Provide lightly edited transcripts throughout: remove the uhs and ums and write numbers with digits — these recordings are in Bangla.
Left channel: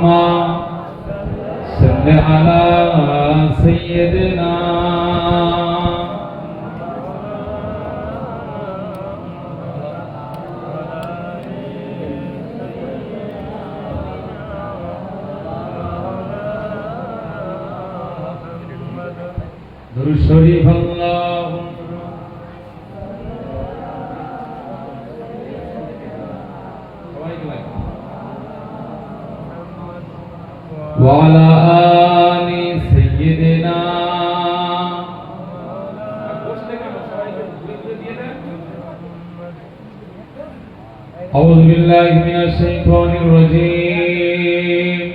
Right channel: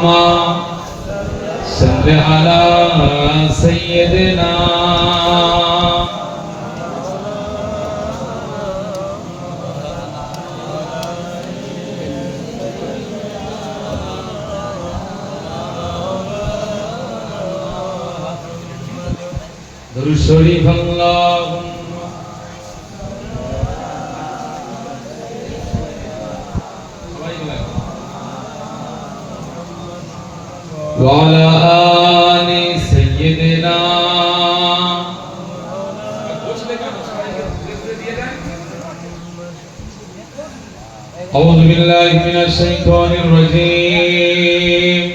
صل على سيدنا درود شريف اللهم وعلى آل سيدنا أعوذ بالله من الشيطان الرجيم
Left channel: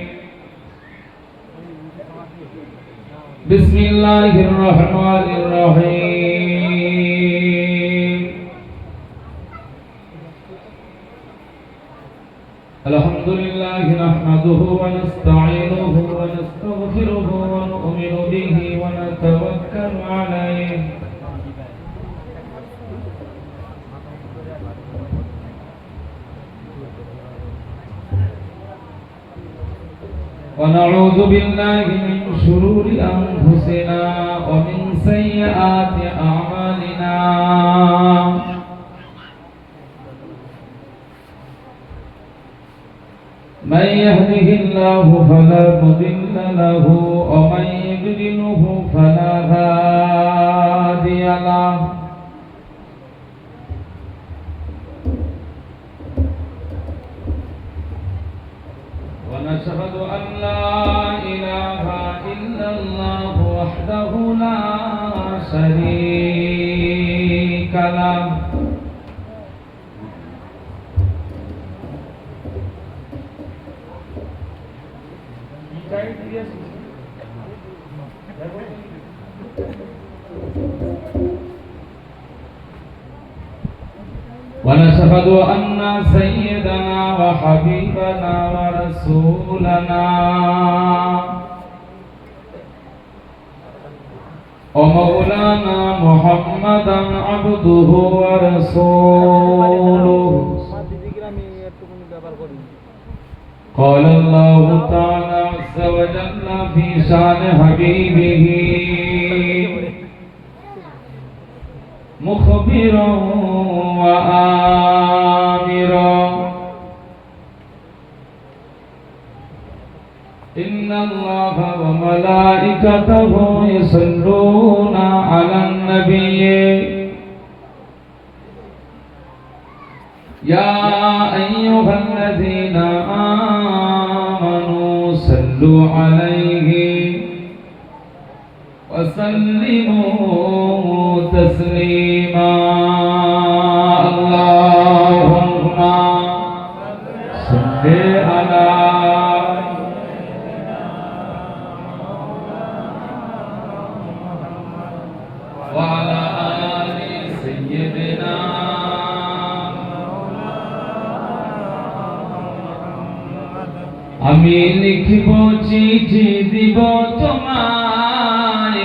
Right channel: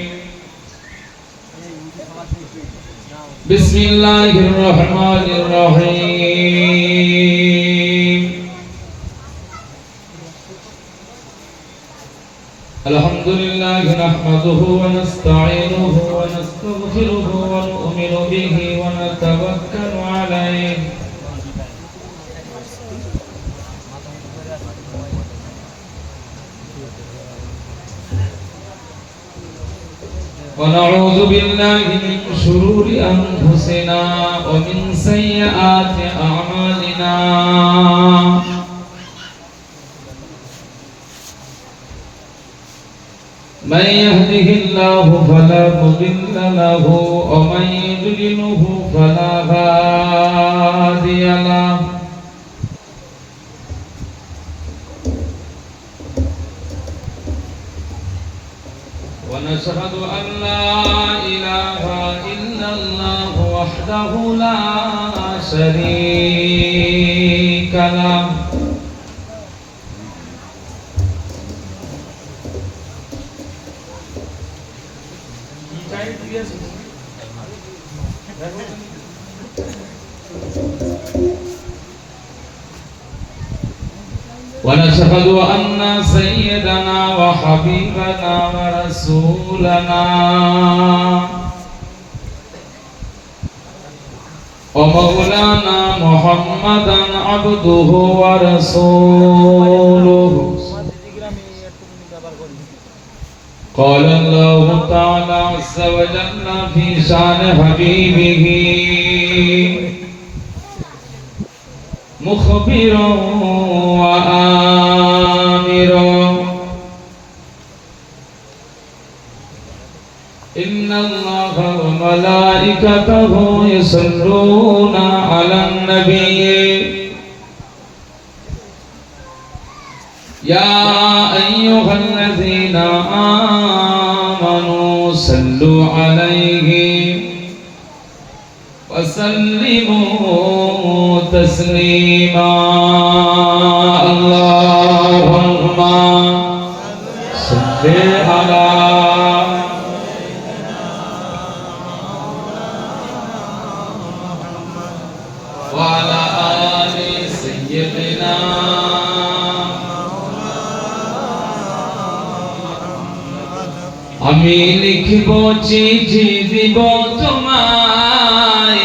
بسم الله الرحمن الرحيم الحمد لله نحمده ونستعينه ونستغفره ونؤمن به ونتوكل عليه ونعوذ بالله من شرور أنفسنا ومن سيئات أعمالنا من يهده الله فلا مضل له ومن يضلله فلا هادي له ونشهد أن لا إله إلا الله وحده لا شريك له ونشهد أن سيدنا وحبيبنا ورسولنا ومولانا محمدا عبده ورسوله قال الله تعالى عز وجل في شان حبيبه مخبرا وآمرا إن الله وملائكته يصلون على النبي يا أيها الذين آمنوا صلوا عليه وسلموا تسليما اللهم صل على وعلى آل سيدنا আমি লিখব চিঠি দিব তোমায়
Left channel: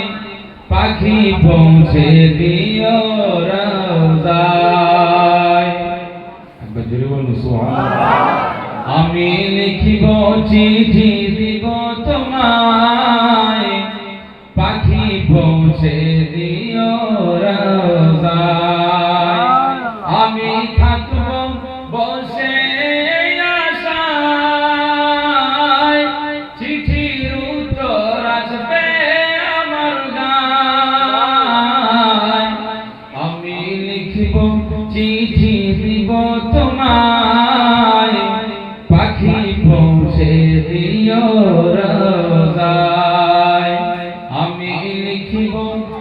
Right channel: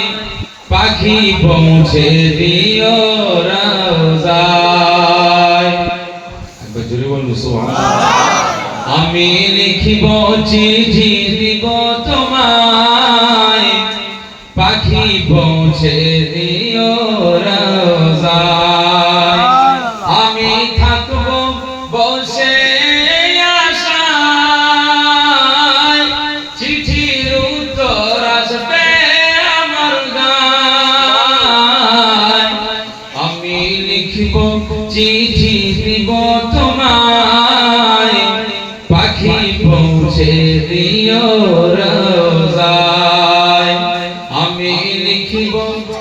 পাখি পৌঁছে দিও রওজায় একবার জোরে বলুন সুবহানাল্লাহ আমি লিখব চিঠি দিব তোমায় পাখি পৌঁছে দিও রওজায় আমি থাকব বসে আশায় চিঠির উত্তর আসবে আমার গায় আমি লিখব চিঠি দিব তোমায় পাখি পৌঁছে দিও রওজায় আমি লিখব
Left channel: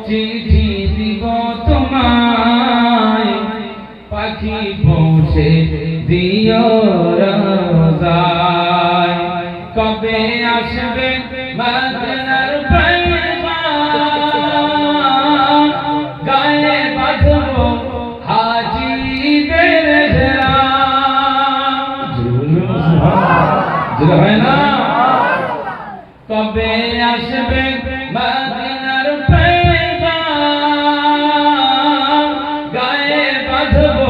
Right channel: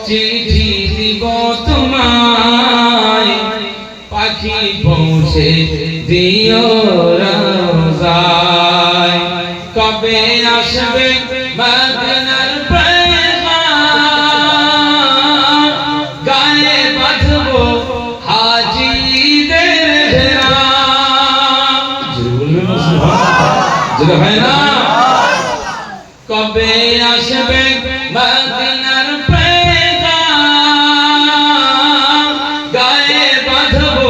চিঠি দিব তোমায় পাখি পৌঁছে দিও রওজায় কবে আসবে মদিনার পয়গাম গায়ে বাঁধব হাজিদের হেরাম জোরে হয় না কবে আসবে মদিনার পয়গাম গায়ে বাঁধব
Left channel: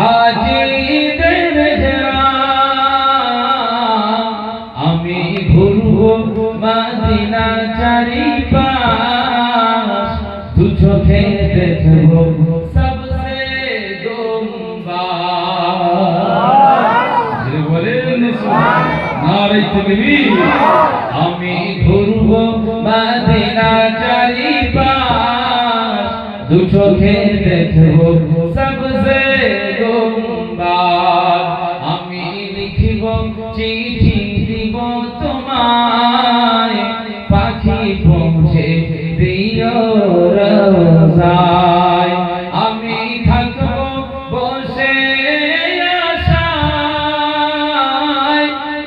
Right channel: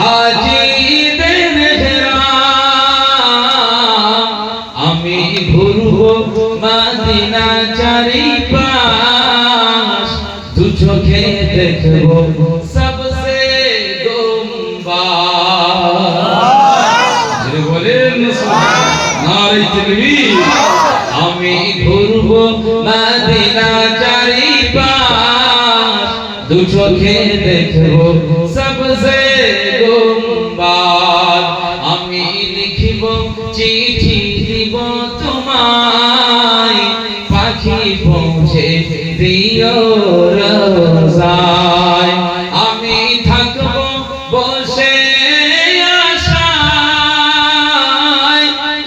হাজিদের হেরাম আমি নারে তাকবীর। আমি ঘুরব মদিনা চারিপাশ, দু চোখে দেখব সবসে গুম্বাদ। আমি লিখিব চিঠি দিব তোমায়, পাখি পৌঁছে দিও রওজায়। আমি থাকব বসে আশায়,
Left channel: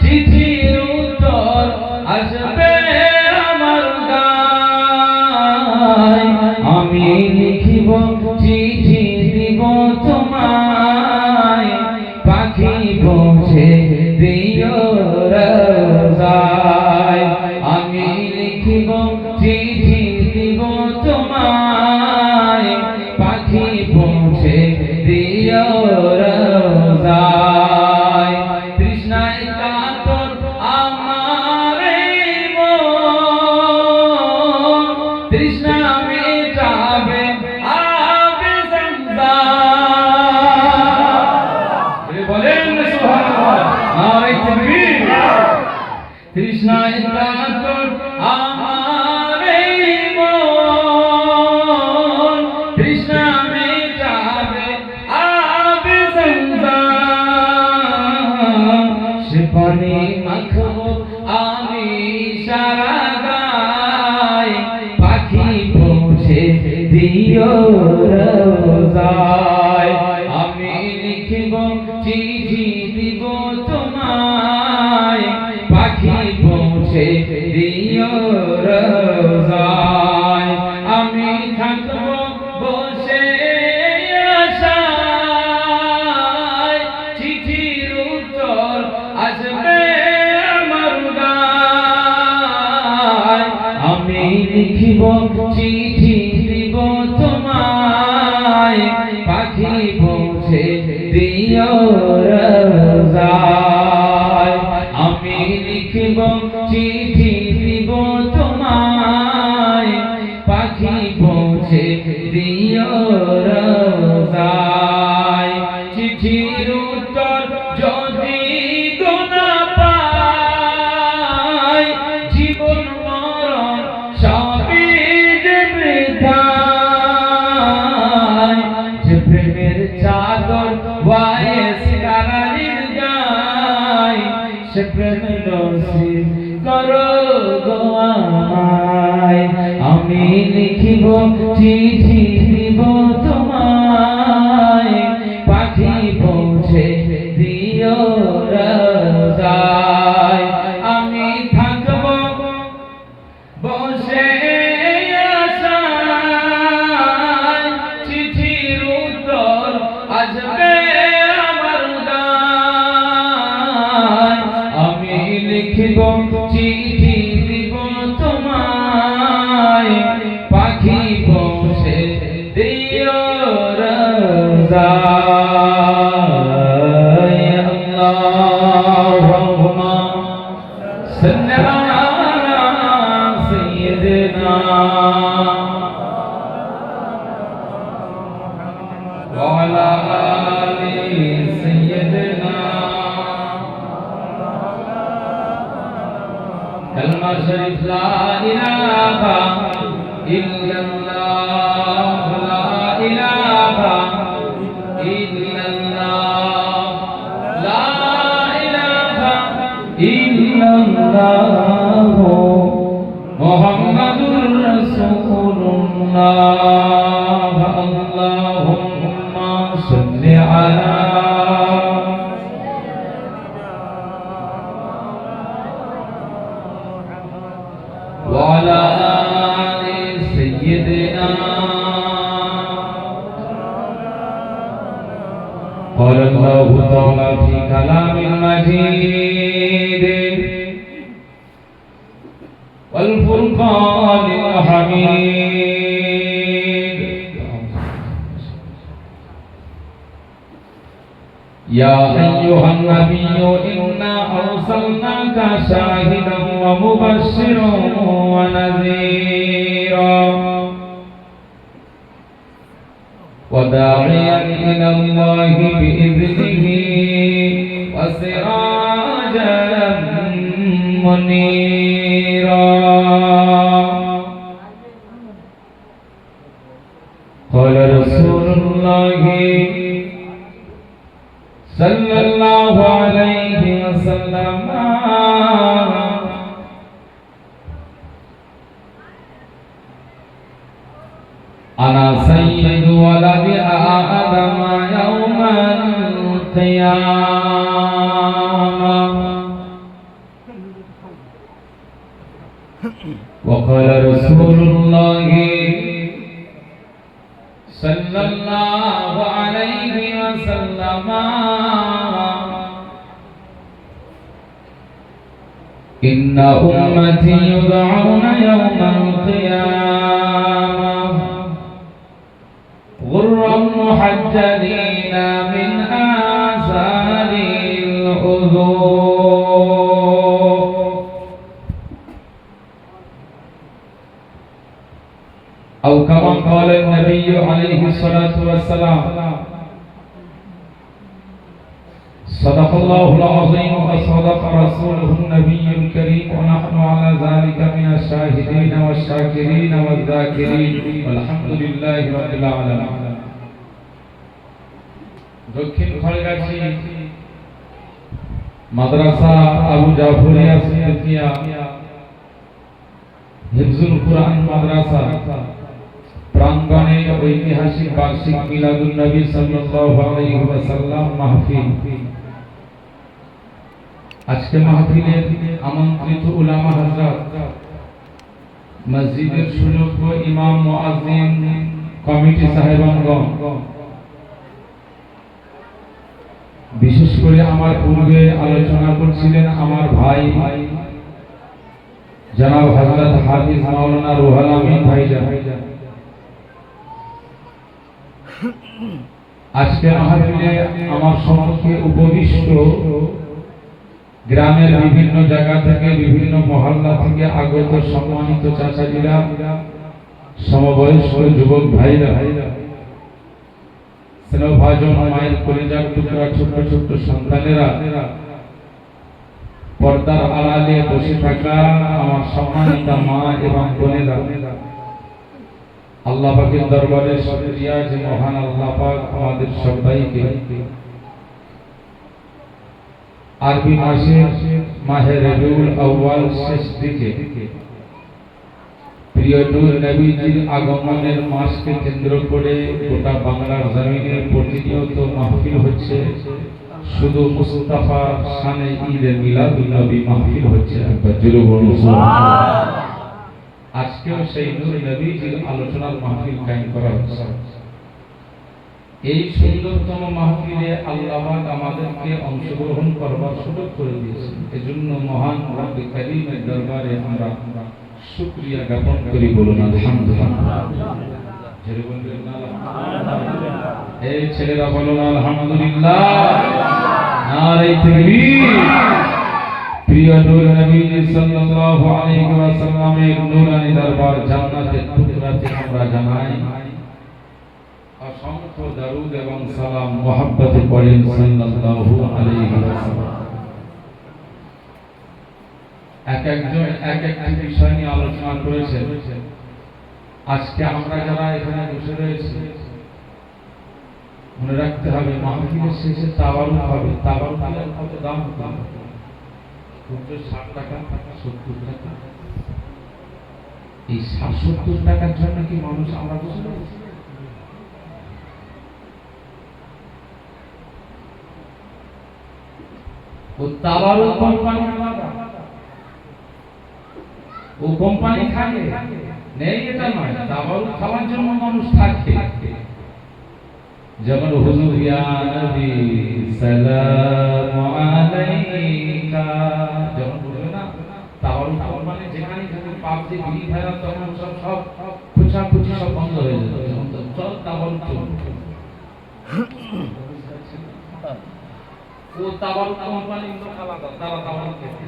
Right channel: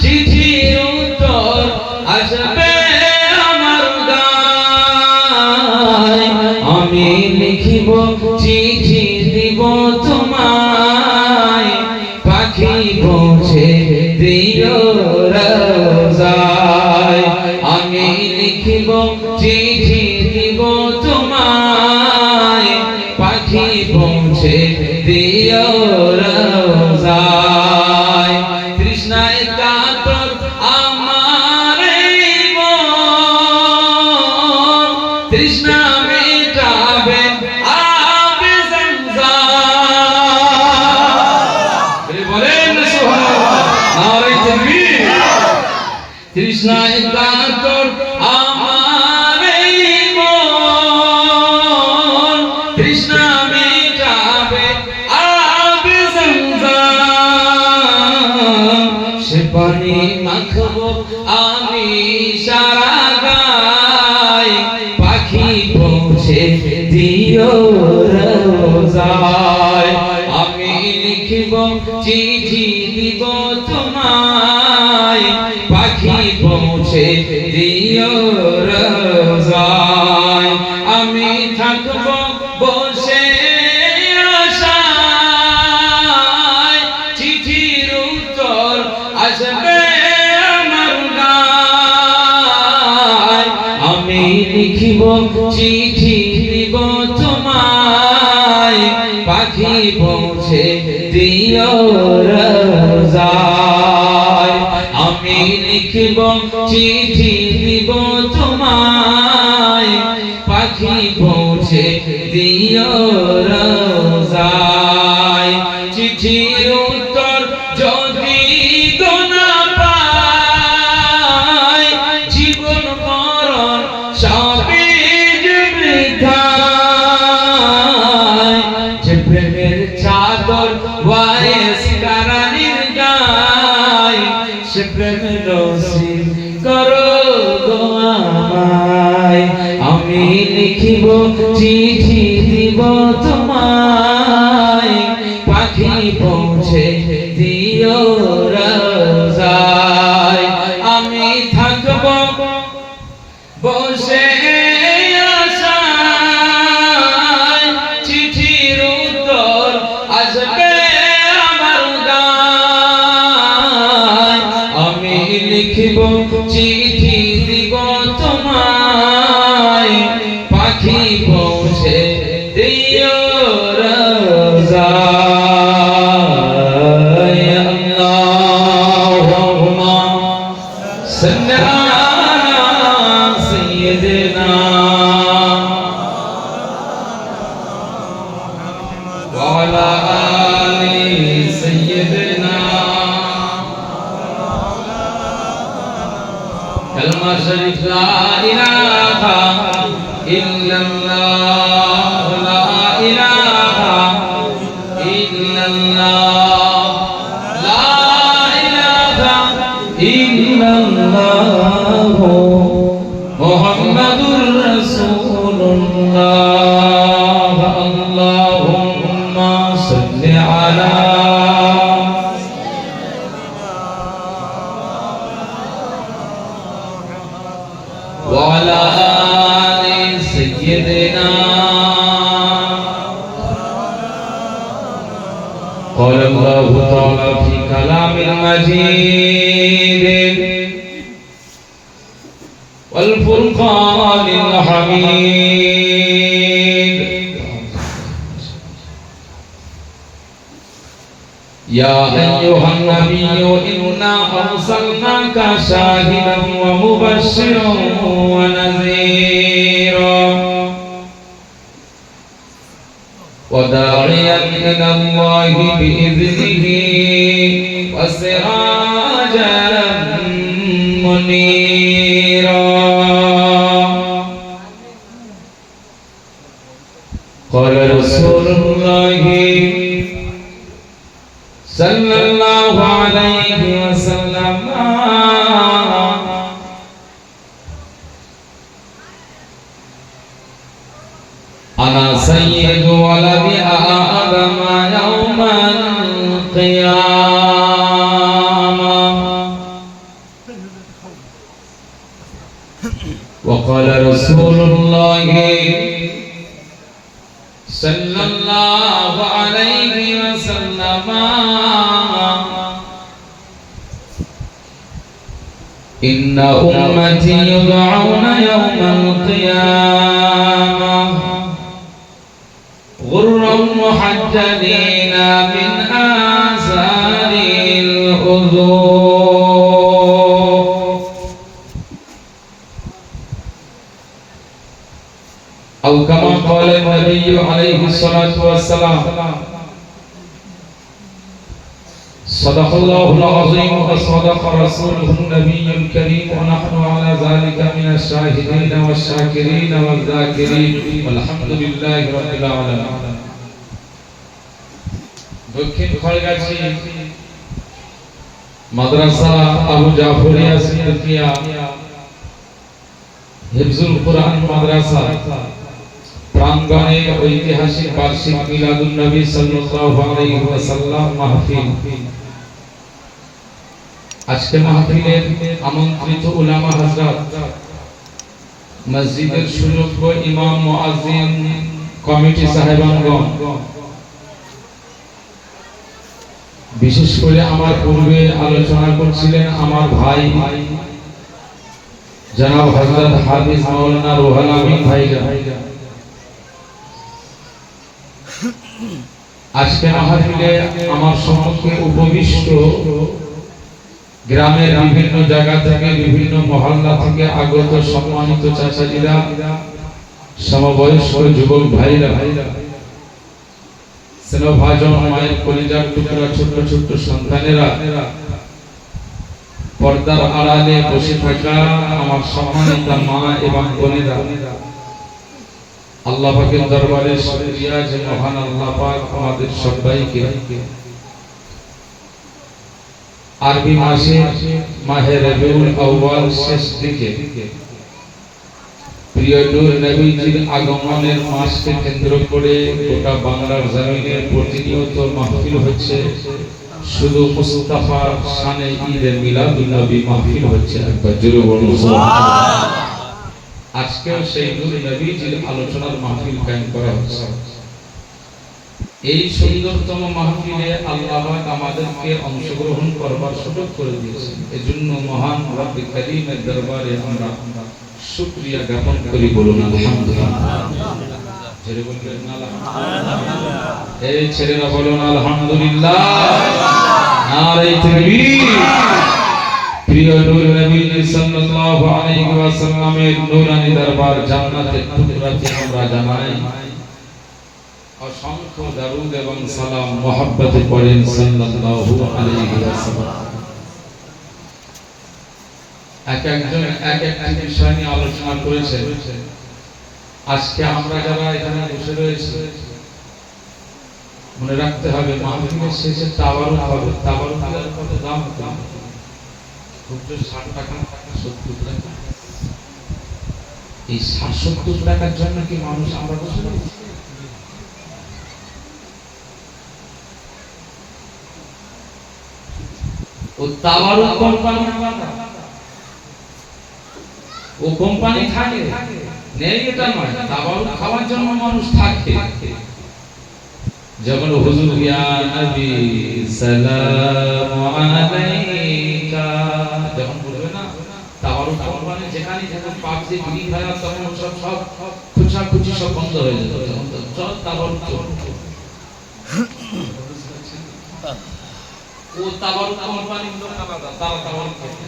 চিঠির উত্তর আসবে আমার গায়। আমি লিখিব চিঠি দিব তোমায়, পাখি পৌঁছে দিও রওজায়। আমি লিখিব চিঠি দিব তোমায়, পাখি পৌঁছে দিও রওজায়। তৃষ্ণায় কাতর আমার এই মন, তৃষ্ণা মেটাবে আবে zamzam। বলেন সুবহানাল্লাহ, নারে তাকবীর। তৃষ্ণায় কাতর আমার এই মন, তৃষ্ণা মেটাবে আবে zamzam। সে পানি মাখবো আমি সারা গায়, পাখি পৌঁছে দিও রওজায়। আমি লিখিব চিঠি দিব তোমায়, পাখি পৌঁছে দিও রওজায়। আমি থাকব বসে আশায়, চিঠির উত্তর আসবে আমার গায়। আমি লিখিব চিঠি দিব তোমায়, পাখি পৌঁছে দিও রওজায়। আমি লিখিব চিঠি দিব তোমায়, পাখি পৌঁছে দিও রওজায়। চিঠির উত্তর যদি না পাই, জীবন মরণ সবই যে বৃথায়। যে প্রেমের চাদর ওয়াইস কারানির গায়, সে প্রেম নসিব করো গো আমায়। আমি লিখিব চিঠি দিব তোমায়, পাখি পৌঁছে দিও রওজায়। আমি থাকব বসে আশায়, চিঠির উত্তর আসবে আমার গায়। আমি লিখিব চিঠি দিব তোমায়, পাখি পৌঁছে দিও রওজায়। আল্লাহুম্মা সাল্লি আলা সাইয়্যিদিনা ওয়া আলা আলি সাইয়্যিদিনা। কালমা শরীফ লা ইলাহা ইল্লাল্লাহ, লা ইলাহা ইল্লাল্লাহ, লা ইলাহা ইল্লাল্লাহ, মুহাম্মাদুর রাসূলুল্লাহ। আল্লাহুম্মা সাল্লি আলা ওয়া আলা আলি সাইয়্যিদিনা। قال الله تعالى في كلام المجيد والفرقان الحميد. يا أيها النبي إنا أرسلناك شاهدا ومبشرا ونذيرا وداعيا إلى الله بإذنه وسراجا منيرا قال رسول الله صلى الله عليه وسلم أنا سيد ولد آدم يوم القيامة وقال رسول الله صلى الله عليه وسلم إن أمتي يدعون يوم القيامة غرا محجلين من آثار الوضوء أو كما قال النبي عليه الصلاة والسلام صدق الله العظيم وصدق رسوله النبي الكريم ونحن على ذلك من الشاهدين والشاكرين والذاكرين والحمد لله رب العالمين দক্ষিণ খড়গাছি মাদ্রাসা আবু জাফরিয়া সিদ্দিকিয়া হিফজুল কুরআন মাদ্রাসা প্রাঙ্গণে ঐতিহাসিক বার্ষিক মিলাদুন নবী সাল্লাল্লাহু আলাইহি ওয়াসাল্লাম মাহফিল। আজকে মাহফিলের আমন্ত্রিত উলামা হযরত, মসজিদের সুযোগ্য ইমাম মুয়াজ্জিন, কমিটি সাহেবানগণ, বিশেষ করে আমার পূর্বে আলোচনা করছিলেন আমার ভাই জনাব হযরত হাফিজ মাওলানা রুহুল আমিন ভাইজান। আজকে মাহফিলে আমার সম্মুখে উপবিষ্ট গ্রামের বিভিন্ন জায়গা থেকে, বিভিন্ন মহল্লা থেকে আগত সম্মানিত চাচাজিরা, সমবয়স্ক যুবক ভাইরা, স্নেহভাজন মায়ের কলিজার টুকরা ছোট্ট ছোট্ট সন্তানেরা, পর্দার আড়ালে বসে থাকা আমার সম্মানিতা মা এবং বোনেরা, আল্লাহ পাকের দরবারে শুকরিয়া যে মহান আল্লাহ পাক আমাদের সবাইকে আরবি মাসে মাহে রবিউল আউয়াল শেষ দিকে প্রিয় নূর নবীজির আগমনের মাসকে কেন্দ্র করে গোটা বাংলার জমিনে প্রতিনিয়ত মাহফিল হচ্ছে। শুধু মুস্তাফার শানে ঈদে মিলাদুন নবী মাহফিল হচ্ছে। একবার জোরে বলুন সুবহানাল্লাহ। আজকেও সেই নূর নবীজির আলোচনার মাহফিল কায়েম করা হচ্ছে। এই সুন্দরতম মাহফিলে আল্লাহ পাক আমাদেরকে অংশগ্রহণ করবার সুযোগ করে দিয়েছেন। এজন্য মহান রব্বে কারীমের দরবারে আমরা শুকরিয়া জ্ঞাপন করি। বলুন আলহামদুলিল্লাহ। জোরে বলবেন আলহামদুলিল্লাহ। এই ছেলেরা বলুন আলহামদুলিল্লাহ। নারে তাকবীর। প্রিয় নূর নবী সাল্লাল্লাহু আলাইহি ওয়াসাল্লামের নূরানী দরবার জান্নাতের টুকরাতে আমরা জানাই অসংখ্য দরুদ এবং সালাম মুহাব্বতে পড়েন সাল্লাল্লাহু আলাইহি ওয়াসাল্লাম। এক একজন এক একটি বিষয় নিয়ে আলোচনা করেছেন। আজকে আমরা যারা এখানে বসে রয়েছি মনে রাখতে হবে মাহফিলের শেষে তাবারুক হবে। তাবারুকের কত দাম? খুব 60 টাকা, 70 টাকা। এই 70 টাকার জন্য কি মানুষ আমরা বসে রয়েছি? ও তাবারুক কোম্পানি আলাদা, ও কোম্পানি থাকে নেই এটা নয়। তাবারুক খাওয়ার জন্য মানুষ থাকে। যেমন হুজুর ইয়া নবী সালামু আলাইকা যখন বলবে না, তাবারুক কোম্পানি যেখানে যখন পাপ দিয়ে বিড়ি খায় তখন সব খুচাখুচি সব বন্ধ হয়ে যেত। সব তাবারুক ও তাবারুক কোম্পানির লোক আলাদা, তারা তাবারুক খেতে।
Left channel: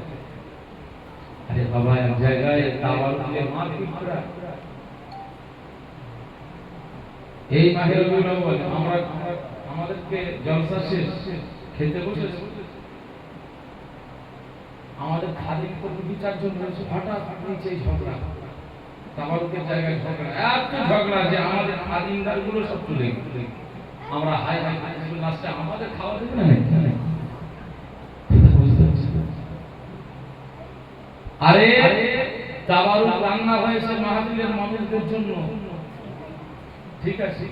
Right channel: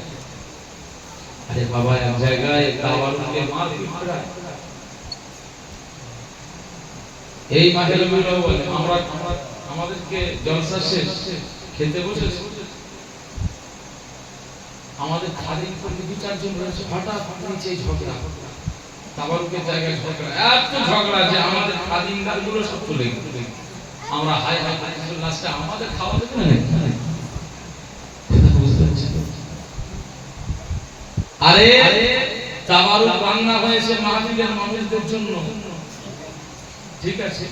আরে বাবা, এক জায়গায় তাবারুকের মারপিট করা। এই মাহেরগুলো বলে আমরা আমাদেরকে জলসা শেষ খেতে বসেছি। আমাদের খাদিম করতে 2-4 জন রয়েছে, হঠাৎ নিচে ঝগড়া, তাবারুকের জায়গায় ঝগড়া, এত ঝগড়া যে আমাদের খাদিমদার গুলো সব চলে গেল। আমরা হাই হাই করে লাস্টে আমাদের খাওয়া দেবে না। আরে তাবারুক রান্না হয়েছে মাহফিলের মানুষদের জন্য, ঠিক আছে,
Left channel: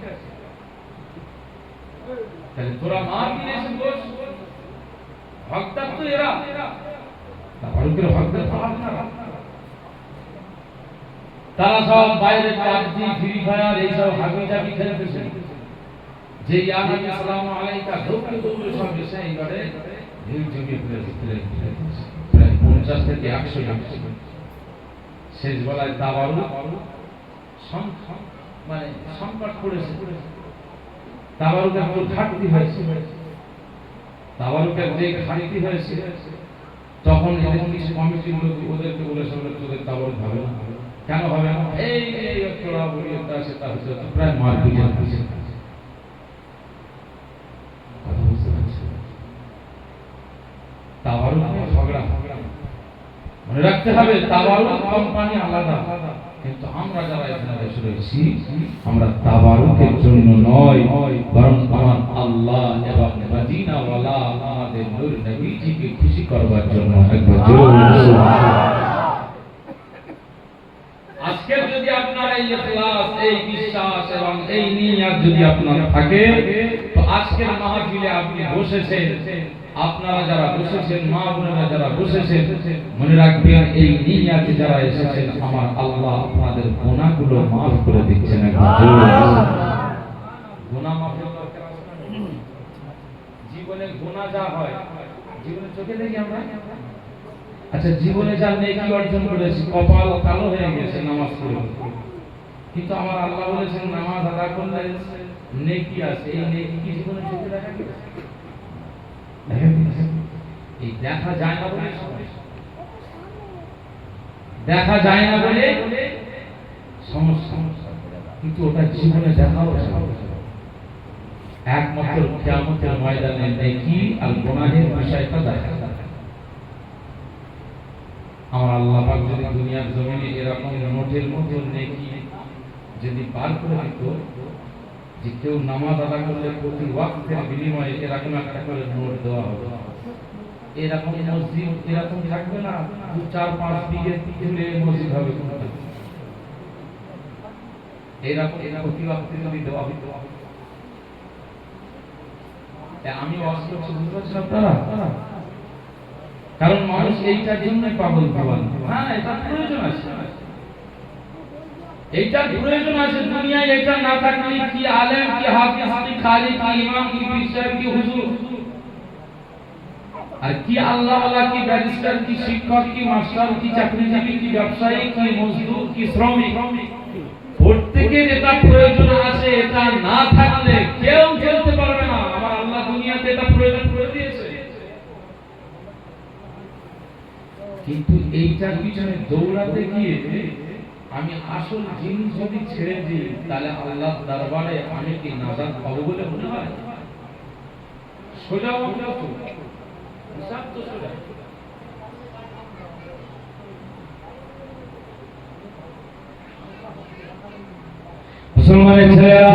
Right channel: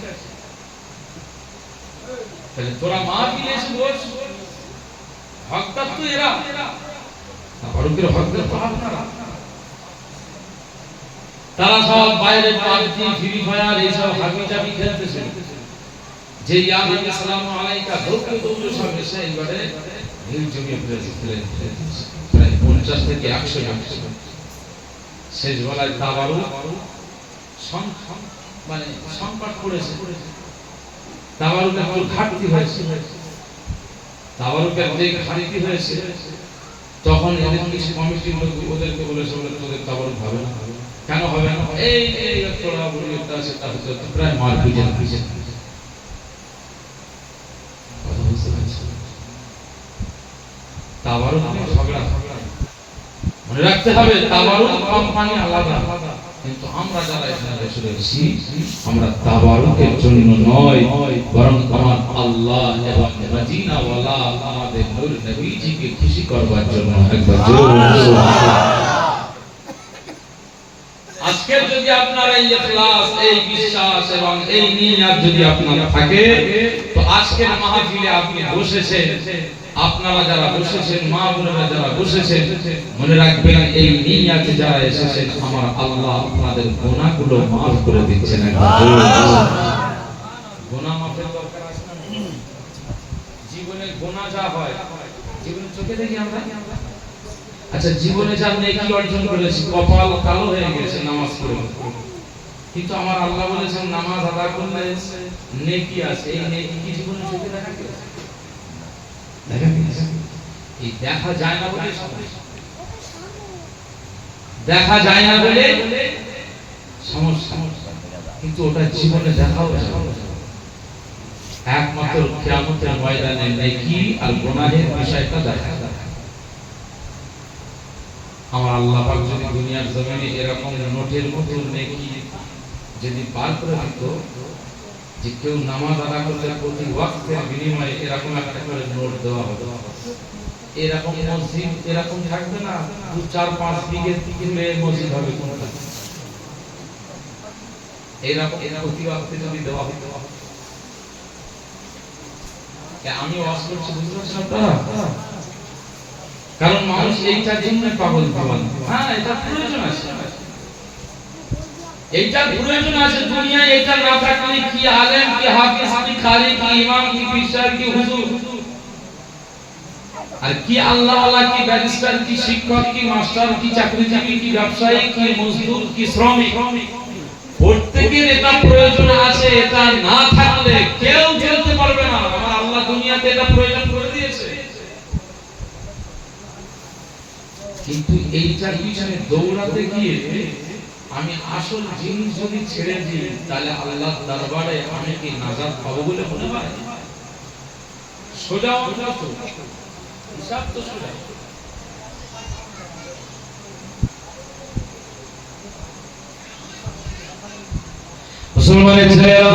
তাহলে তোরা মাহফিলে এসে বস, হকদার তো এরা, তাবারুকের হকদার তো আপনারা। তারা সব বাইরে পাবজি, ফ্রি ফায়ার এইসব হাবিজাবি খেলতেছে। যে ইয়া নবী সাল্লাল্লাহু আলাইহি কা দৌড়ে দৌড়ে সব এসে এইবারে ভিড় জমিয়ে ফেলেছে, প্রায় 50 থেকে 100 জন। শেষ বেলায় তাবারুক মানে সংকট পড়েছে, তাবারুকের কোনো ঘাটতি হয়েছে, তাবারুকের যে ঘাটতি হয়েছে তখন এদের কিছু কমিটির লোক ওদেরকে বলেছে তোদের তাবারুক হবে না। কেন হবে না? এই তোরা বলি একটা আছে, তা হচ্ছে প্রায় মারপিটের পিছে। তাবারুক ঝগড়া মনে রাখতে হবে, তাবারুক কোম্পানি আলাদা, কিন্তু আমরা যারা এখানে বসে রয়েছি আমরা তাবারুকের জন্য নয়, বরং আমার আল্লাহ এবং মদিনা ওয়ালা আমাদের নূর নবীজিকে খুশি করবার জন্য। একবার জোরে সুবহানাল্লাহ। আজকে যদি আপনার এই ইখলাস, এই বিশ্বাস এবং এই নিয়ত যদি আপনার থাকে, তো আজকের মাহফিলে আপনি বসেছেন, আপনারা যারা বসেছেন, মা বোনেরা যারা বসেছেন, মনে রাখবেন এই নিয়তে যারা এসেছেন আমার আল্লাহ আপনাদের গুনাহগুলো maaf করে দিচ্ছেন। গুনাহ মাফের দরকার আছে না? জীবনে গুনাহ যা হয়, জীবনে চোখে দেখি আমরা, আচ্ছা জীবনে যা নেকি অর্জন করেছি, কপাল কালো হয়ে গেছে নামাজ পড়ে, কিন্তু আমার আল্লাহ বলেছেন নামাজ আদা করলে নেকি আছে, এই নেকি কি জীবনে চোখে দেখা গেছে? এই দেখা যায় না বলে দেখা যায় না বলে সমস্যা, কিন্তু ওটা জীবনে দেখা হবে একমাত্র কিয়ামতের ময়দানে নেকি আর গুনাহের বিষয়টা দেখা যায়। আমার আল্লাহ পাক যদি দুনিয়ার জমিনে এরকম নোটের মতো নেকি যদি বার করে দিত, যে কেউ নামাজ আদা করলে প্রতি ওয়াক্তের বিনিময়ে এরকম একটা করে নোট দেওয়া হবে, এরকম মসজিদ এরকম থাকবে না 2-4-5 বিঘে তুলে মসজিদ হবে কোনটা, এরকম প্রতি ওয়াক্তে যদি দেওয়া হতো। আমি ওয়াজ করছি, বুঝতে পারছেন আপনারা? কারণ মানুষ এইটার জন্য পাগল পাগল। হ্যাঁ, এটা প্রয়োজন আছে, এইটা প্রয়োজন আছে দুনিয়ায়। এটা না থাকলে কি আলেম, কি হাফেজ, কি কারি, কি ইমাম, কি পীর সাহেব, কি হুজুর, আর কি আল্লাহ ওয়ালা, কি ব্যারিস্টার, কি শিক্ষক, কি মাস্টার, কি চাকরিজীবী, কি ব্যবসায়ী, কি মজদুর, কি শ্রমিক, প্রত্যেকের এটা প্রয়োজন আছে। এটা না থাকলে কেউ চলতে পারবে না। আমার আল্লাহ দুনিয়াতে এটা প্রয়োজন করে দিয়েছে, কিন্তু এইটার পিছনে দৌড়াতে গিয়ে আমি আসল জিনিস যদি ছেড়ে দিই, তাহলে আল্লাহর দরবারে আমি কি নাজাত পাবো বলে মনে হয়? সোজা তো হিসাব তো সোজা। মুসলমানের ছেলেরা,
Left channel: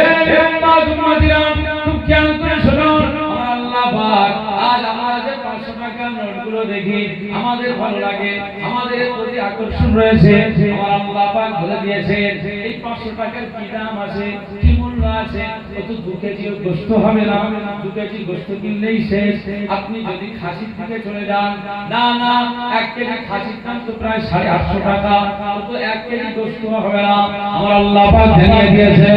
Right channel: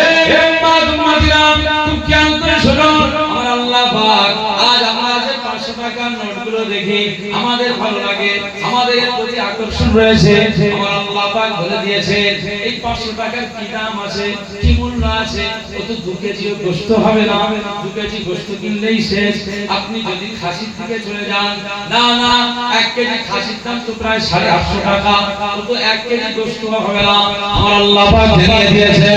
এই উম্মাতিরা, তুমি খেয়াল করে শোনো, আমার আল্লাহ পাক আজ আমরা যে 500 টাকার নোটগুলো দেখি আমাদের ভালো লাগে, আমাদের প্রতি আকর্ষণ রয়েছে। আমার আল্লাহ পাক বলে দিয়েছেন এই 500 টাকার কি দাম আছে, কি মূল্য আছে? ও তো 2 কেজি গোশত হবে না, 2 কেজি গোশত কিনলেই শেষ। আপনি যদি খাসির দিকে চলে যান, না না, 1 কেজি খাসির দাম তো প্রায় 850 টাকা, ও তো 1 কেজি গোশত হবে না। আমার আল্লাহ পাক জানিয়ে দিয়েছে,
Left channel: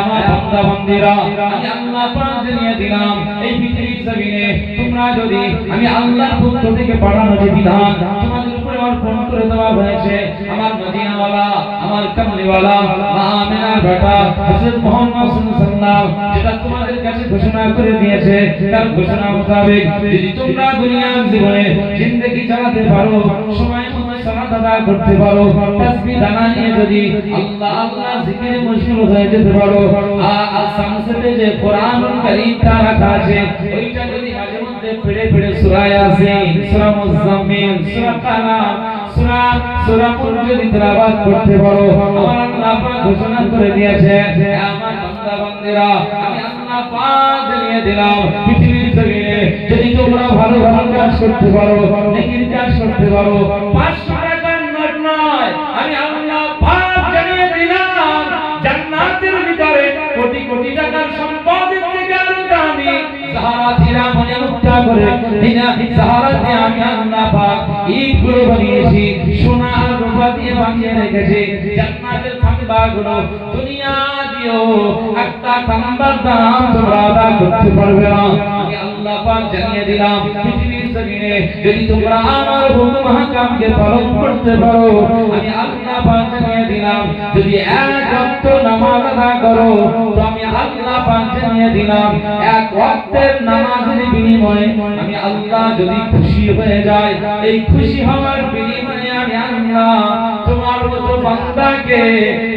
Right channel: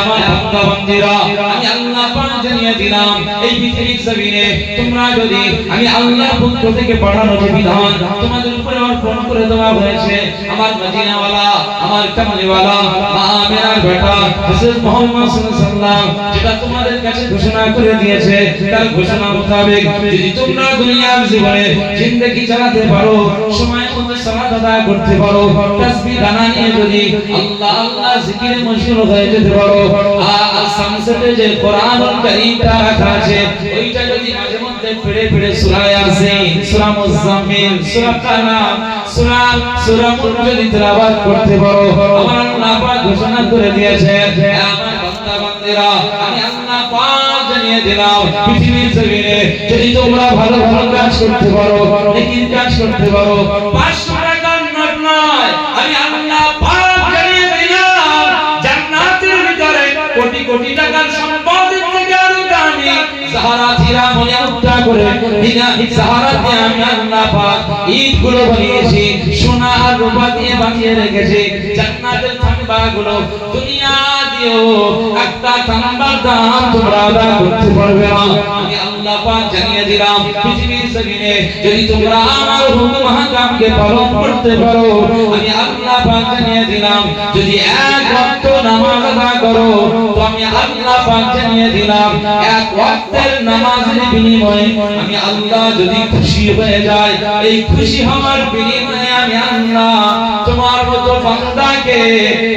আমার বান্দা বান্দীরা, আমি আল্লাহ পাক জানিয়ে দিলাম এই পৃথিবীর জমিনে তোমরা যদি আমি আল্লাহর পক্ষ থেকে পাঠানো যে বিধান তোমাদের উপরে অর্পণ করে দেওয়া হয়েছে, আমার মদিনা ওয়ালা, আমার কামলি ওয়ালা, মা আমিনার বেটা হযরত মুহাম্মদ সাল্লাল্লাহু আলাইহি ওয়াসাল্লাম যেটা তোমাদের কাছে ঘোষণা করে দিয়েছে, তার ঘোষণা মোতাবেক যদি তোমরা দুনিয়ার জীবনে জিন্দেগি চালাতে পারো, সময় মতো সালাত আদায় করতে পারো, তাসবিহ দানা নিয়ে যদি আল্লাহ আল্লাহ জিকিরে মশগুল হয়ে যেতে পারো, আর সামসেটে যে কোরআনুল কারীমটা রাখা আছে ওইটা যদি মাঝে মধ্যে মধ্যে পড়ে পড়ে সূরা ইয়াসিন, সূরা মুজাম্মিল, সূরা কালাম, সূরা মুলক যদি তেলাওয়াত করতে পারো, আমার আল্লাহ পাক ঘোষণা করে দিয়েছেন, আমার বান্দা বান্দিরা, আমি আল্লাহ পাক জানিয়ে দিলাম, পৃথিবীর জমিনে যদি তোমরা ভালো ভালো কাজ করতে পারো, নেকির কাজ করতে পারো, 500 টাকার নোট নয়, আমি আল্লাহ পাক জানিয়ে দিলাম, জান্নাতের ভিতরে কোটি কোটি টাকার সম্পদের থেকে আরো দামি সাহারা হীরা মনে মুক্তা করে হীরা সাহারা দিয়ে আমি আল্লাহ পাক ঈদগুলো বানিয়েছি, সোনা আর রূপা দিয়ে বানিয়ে রেখেছি। জান্নাতের তাম্বাগুলো দুনিয়া দিয়েও একটা তাম্বার দাম তোমরা আদা করতে পারবে না। আমি আল্লাহ পাক জানিয়ে দিলাম, পৃথিবীর জমিনে যদি তোমরা আমার হুকুম হাকামকে পালন করতে পারো, আমি আল্লাহ পাক জানিয়ে দিলাম, যদি এক ওয়াক্ত নামাজ আদা করো, তো আমি আল্লাহ পাক জানিয়ে দিলাম, এক ওয়াক্তের নামাজের বিনিময়ে আমি আল্লাহ যদি খুশি হয়ে যায়, এই খুশি হওয়ার বিনিময়ে আমি আল্লাহ তোমার মতো বান্দাকে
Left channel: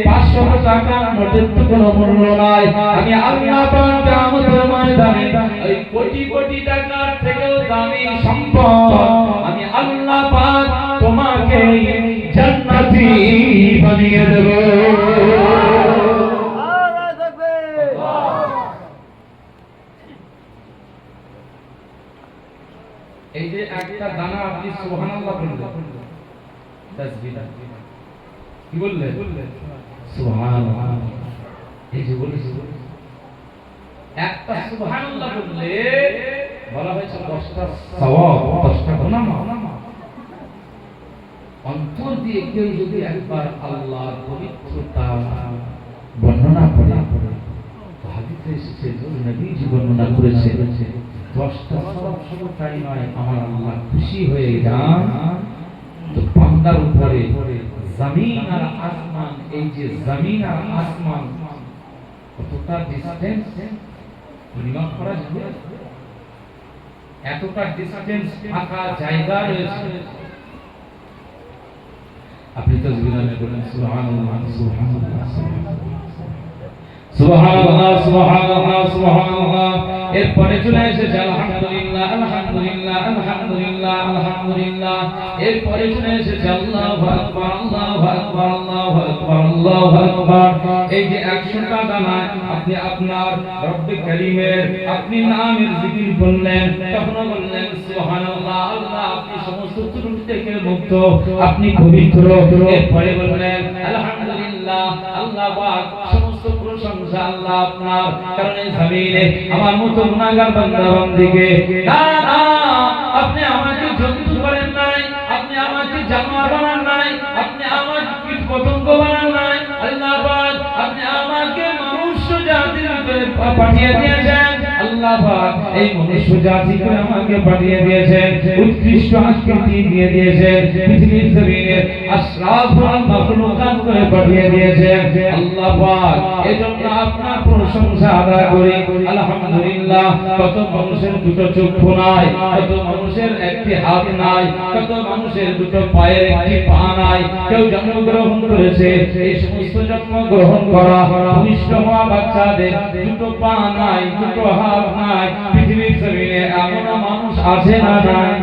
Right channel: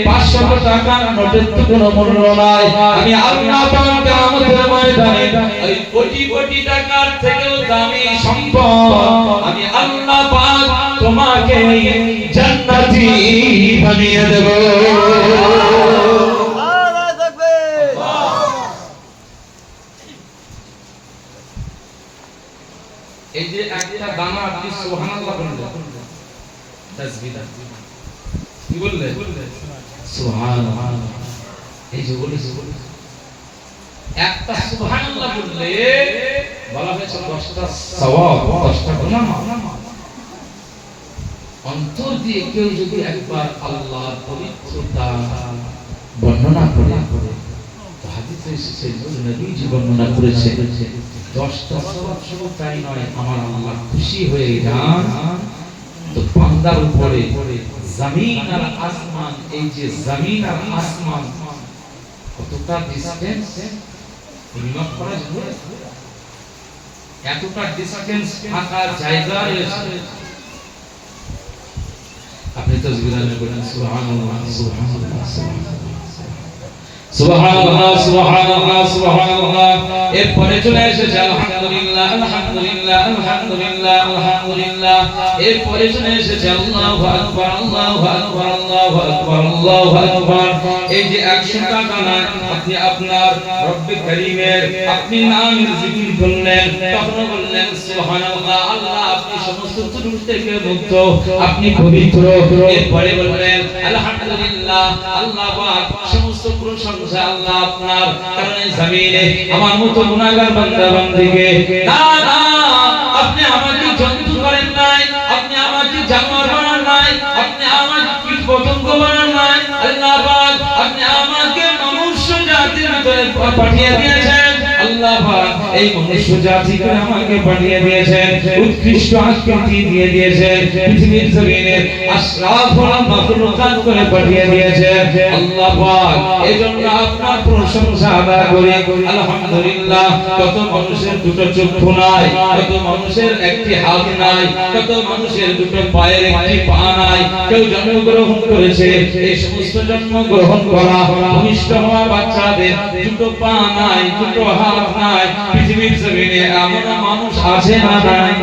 500 টাকা নোটের তো কোনো মূল্য নাই। আমি আল্লাহ পাক কিয়ামতের ময়দানে এই কোটি কোটি টাকার থেকেও দামি সম্পদ আমি আল্লাহ পাক তোমাকে জান্নাতি বানিয়ে দেব। এই যে একটা দানা আপনি সুবহানাল্লাহ বললেন, তাসবিহ কি বললেন? সুবহানাল্লাহ। এই যে বলেছে একটা সুবহানাল্লাহ বললে বলা হয়েছে 10টা সওয়াব, 10টা গুনাহ মাফ। অন্তর দিয়ে কেউ যদি একবার আল্লাহর পবিত্রতা বর্ণনা করে, হাদিসে এসেছে, নবীজি বর্ণনা করেছে, 10টা সওয়াব শুধু তাই নয়, আমার আল্লাহ খুশি হয়ে যান তো বান্দার উপরে জমিন আর আসমান, এই যে জমিন আর আসমান কতটা ডিসটেন্স পরিমাপ করা যায়, এতটা ডিসটেন্স ফাঁকা জায়গা রয়েছে। আপনি তাসবিহ বলেন সুবহানাল্লাহ সুবহানাল্লাহ সুবহানাল্লাহ সুবহানাল্লাহ সুবহানাল্লাহ। এরপরে চলে এসেছে আলহামদুলিল্লাহ আলহামদুলিল্লাহ আলহামদুলিল্লাহ আলহামদুলিল্লাহ। এরপরে চলে এসেছে আল্লাহু আকবার আল্লাহু আকবার আল্লাহু আকবার আল্লাহু আকবার। এই যে 100 টাকা না, আপনি আপনার রব্বে কারীমের আপনি নামের জিকির করলেন, তখন বললেন সুবহানাল্লাহ, আল্লাহ আপনি সমস্ত ত্রুটি থেকে মুক্ত, আপনি পবিত্র। এরপরে বললেন আলহামদুলিল্লাহ, আল্লাহ পাক সমস্ত প্রশংসা আল্লাহ আপনার, কারণ এই জমিনে আমার মতো গুনাহগার বান্দা বান্দীকে না না আপনি আমাকে জন্তু করেন নাই, আপনি আমাকে জানোয়ার বানান নাই, আপনি আমাকে কীট পতঙ্গ বানান নাই, আল্লাহ পাক আপনি আমাকে মনুষ্য জাতির ভিতরে পাঠিয়ে দিয়েছেন। আল্লাহ পাক এই মনুষ্য জাতিকে আমাকে পাঠিয়ে দিয়েছেন, উৎকৃষ্ট আকৃতি দিয়ে দিয়েছেন, পৃথিবীর জমিনে আশরাফুল মাখলুকাত করে পাঠিয়ে দিয়েছেন। আল্লাহ পাক এজন্য আপনার প্রশংসা আদায় করি আলহামদুলিল্লাহ। কত মানুষের দুটো চক্ষু নাই, কত মানুষের একটি হাত নাই, কত মানুষের দুটো পায়ের একটি পা নাই, কেউ জন্মগ্রহণ করেছে, এই সমস্ত জন্মগ্রহণ করা ভূমিষ্ঠ হওয়া বাচ্চাদের দুটো পা নাই, দুটো হাত নাই, পৃথিবীর জমিনে এমন মানুষ আছে না নাই?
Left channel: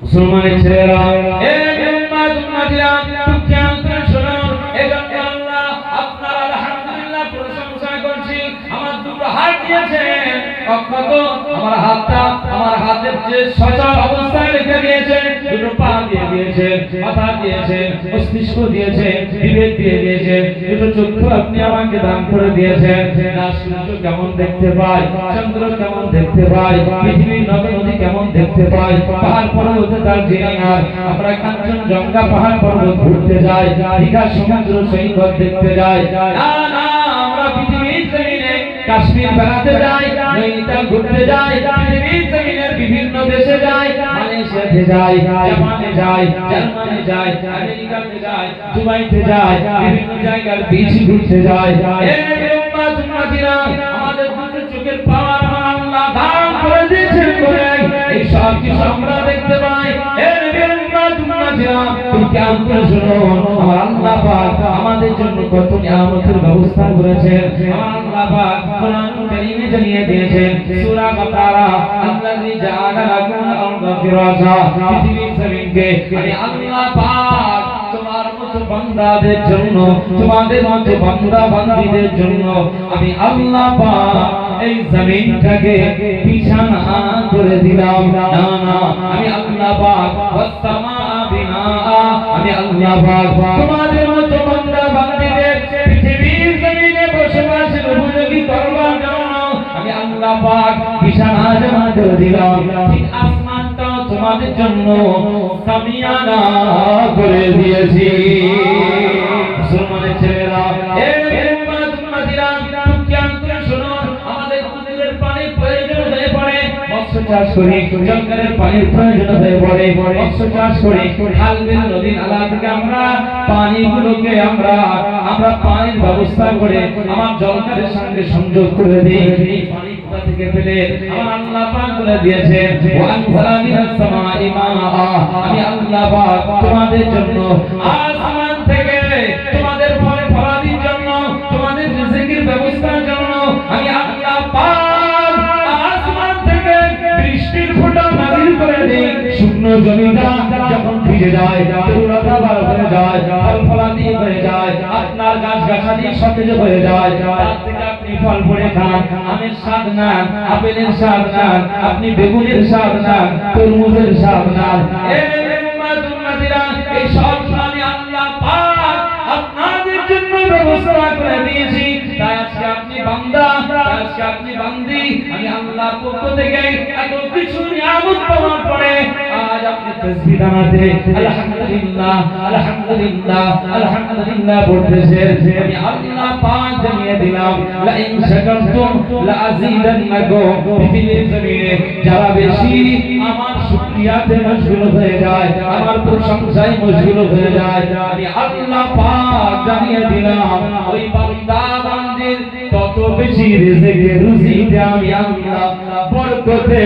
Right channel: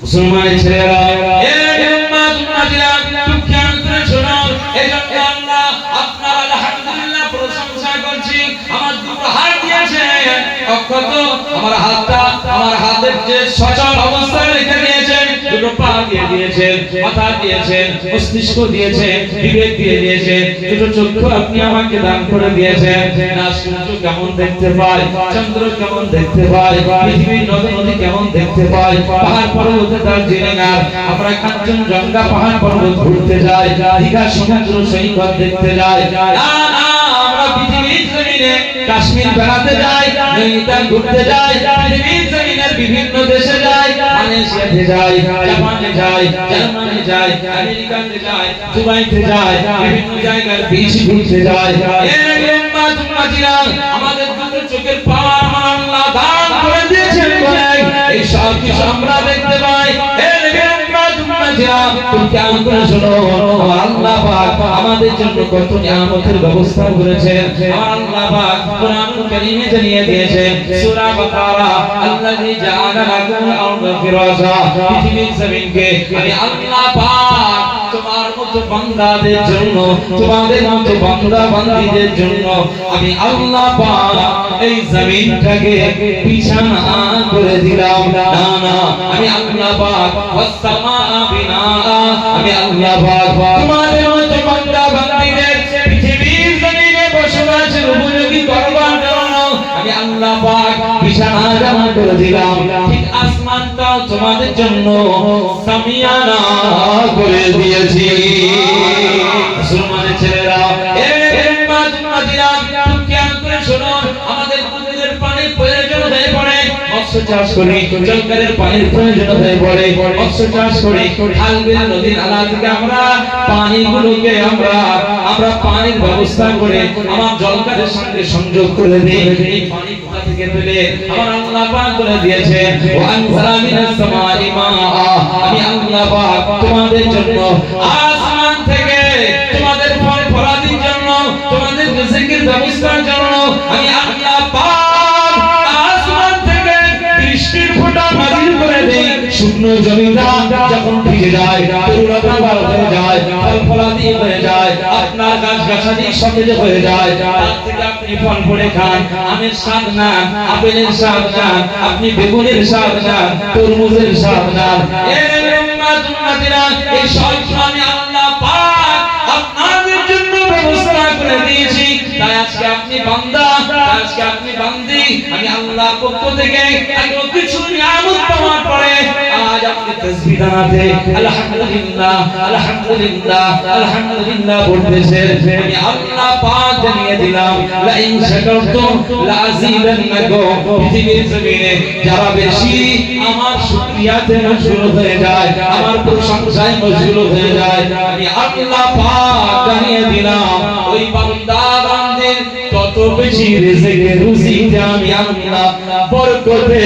মুসলমান ছেলেরা, এই উম্মাত উম্মাতিরা খুব খেয়াল করে শোনো। এজন্য আল্লাহ আপনার আলহামদুলিল্লাহ প্রশংসা করছি। আমার দুটো হাত দিয়েছেন, অক্ষত আমার হাতটা, আমার হাতের যে সচল অবস্থায় রেখে দিয়েছেন, দুটো পা দিয়ে দিয়েছেন, মাথা দিয়েছেন, মস্তিষ্ক দিয়েছেন, বিবেক দিয়ে দিয়েছেন, দুটো চক্ষু আপনি আমাকে দান করে দিয়েছেন। না সূর্য কেমন দেখতে পায়, চন্দ্র কেমন দেখতে পায়, পৃথিবীর নদ নদী কেমন দেখতে পায়, পাহাড় পর্বত দার্জিলিং আর আমরা কাঞ্চনজঙ্ঘা পাহাড় পর্বত ঘুরতে যাই, দীঘা সমুদ্র সৈকত দেখতে যাই, না না আমরা পৃথিবীর জমিনে কাশ্মীর বেড়াতে যাই, নৈনিতাল ঘুরতে যাই, পৃথিবীর জমিনের বিভিন্ন দেশে যাই, মালয়েশিয়াতে যাই, জাপানে যাই, জার্মানি যাই, আমেরিকাতে যাই, দুবাইতে যাই, বিভিন্ন জায়গার বিচ ঘুরতে যাই। এই উম্মাত উম্মাতিরা আমাদের দুটো চোখের পাওয়ার আল্লাহ দান করে দিয়েছেন বলে এই সব কিছু আমরা দেখতে পাই। এই উম্মাত উম্মাতিরা তুমি কেমন করে শোনো, আল্লাহ পাক আমাদের জন্য কত নিয়ামতের ব্যবস্থা করেছেন। আমার আল্লাহ পাক কোরআন কারীমে জানিয়ে দিয়েছেন সূরা বাকারা আল্লাযী জাআলা লাকুম আরদা ফিরাশা পৃথিবীর জমিনকে আমি আল্লাহ পাক তোমার মতো বান্দাদের জন্য তোমাদের মতো বান্দা বান্দীদের জন্য আমি আল্লাহ পাক এই জমিনটাকে বিছানা করে দিলাম না না আমি আল্লাহ পাক ওয়াস সামা বিনা আমি আল্লাহ পাক তোমাদের মতো বান্দা বান্দীদের পৃথিবীর জমিনে বসবাসের উপযোগী করবার জন্য আমি আল্লাহ পাক বিছানা জামা করে দিলাম ঠিক আসমানটাও তোমাদের জন্য সামিয়ানা করে দিয়েছি মুসলমানের ছেলেরা চাষ করি জলকারের পানির প্রয়োজন হয়ে পড়ে মৎস্য চাষ করি খাল বিল নদী নালা থেকে আমরা পানিগুলোকে আমরা পানির ব্যবস্থা করে আমার জলকারের সঙ্গে সংযোগ করে দেই এই পানি কোথা থেকে পেলে আমার আল্লাহ পাক বলে দিয়েছেন ওয়া আনজালা মিনাস সামাই মাআ আমি আল্লাহ পাক তোমাদের জন্য আসমান থেকে তোমাদের ফল ফলাদির জন্য তোমাদের রিজিকের ব্যবস্থার জন্য আমি আল্লাহ পাক বৃষ্টির ফোঁটা নাযিল করে দেই শুকনো জমিটা যখন ভিজে যায় তরুলতা হয়ে যায় ফল ফলাদি হয়ে যায় আপনার গাছ গাছালি সতেজ হয়ে যায় তার থেকে আপনি ফল পড়ে খান আমের স্বাদ না আপেলের স্বাদ না আপনি বেগুনের স্বাদ না তরমুজের স্বাদ না এই সব আমি আল্লাহ পাক আপনাদের জন্য ব্যবস্থা করে দিয়েছি তাই আজকে আপনি বান্দা আজকে আপনি বান্দি আমি আল্লাহ পক্ষ থেকে এত কিছু নিয়ামত পাওয়ার পরে আজ আপনি তাসবিহ দানাতে আলহামদুলিল্লাহ আলহামদুলিল্লাহ আলহামদুলিল্লাহ বলতেছেন আমি আল্লাহ পাক জানিয়ে দিলাম লা ইন শাকারতুম লা আযীদান্নাকুম পৃথিবীর জমিনে যারা বেশি আমার শুকরিয়াতে মশগুল হয়ে যায় আমার প্রশংসায় মশগুল হয়ে যায় আমি আল্লাহ পাক জানিয়ে দিলাম ওই বান্দা বান্দির তত বেশি রিজিকে রুজিতে আমি আল্লাহ বরকতে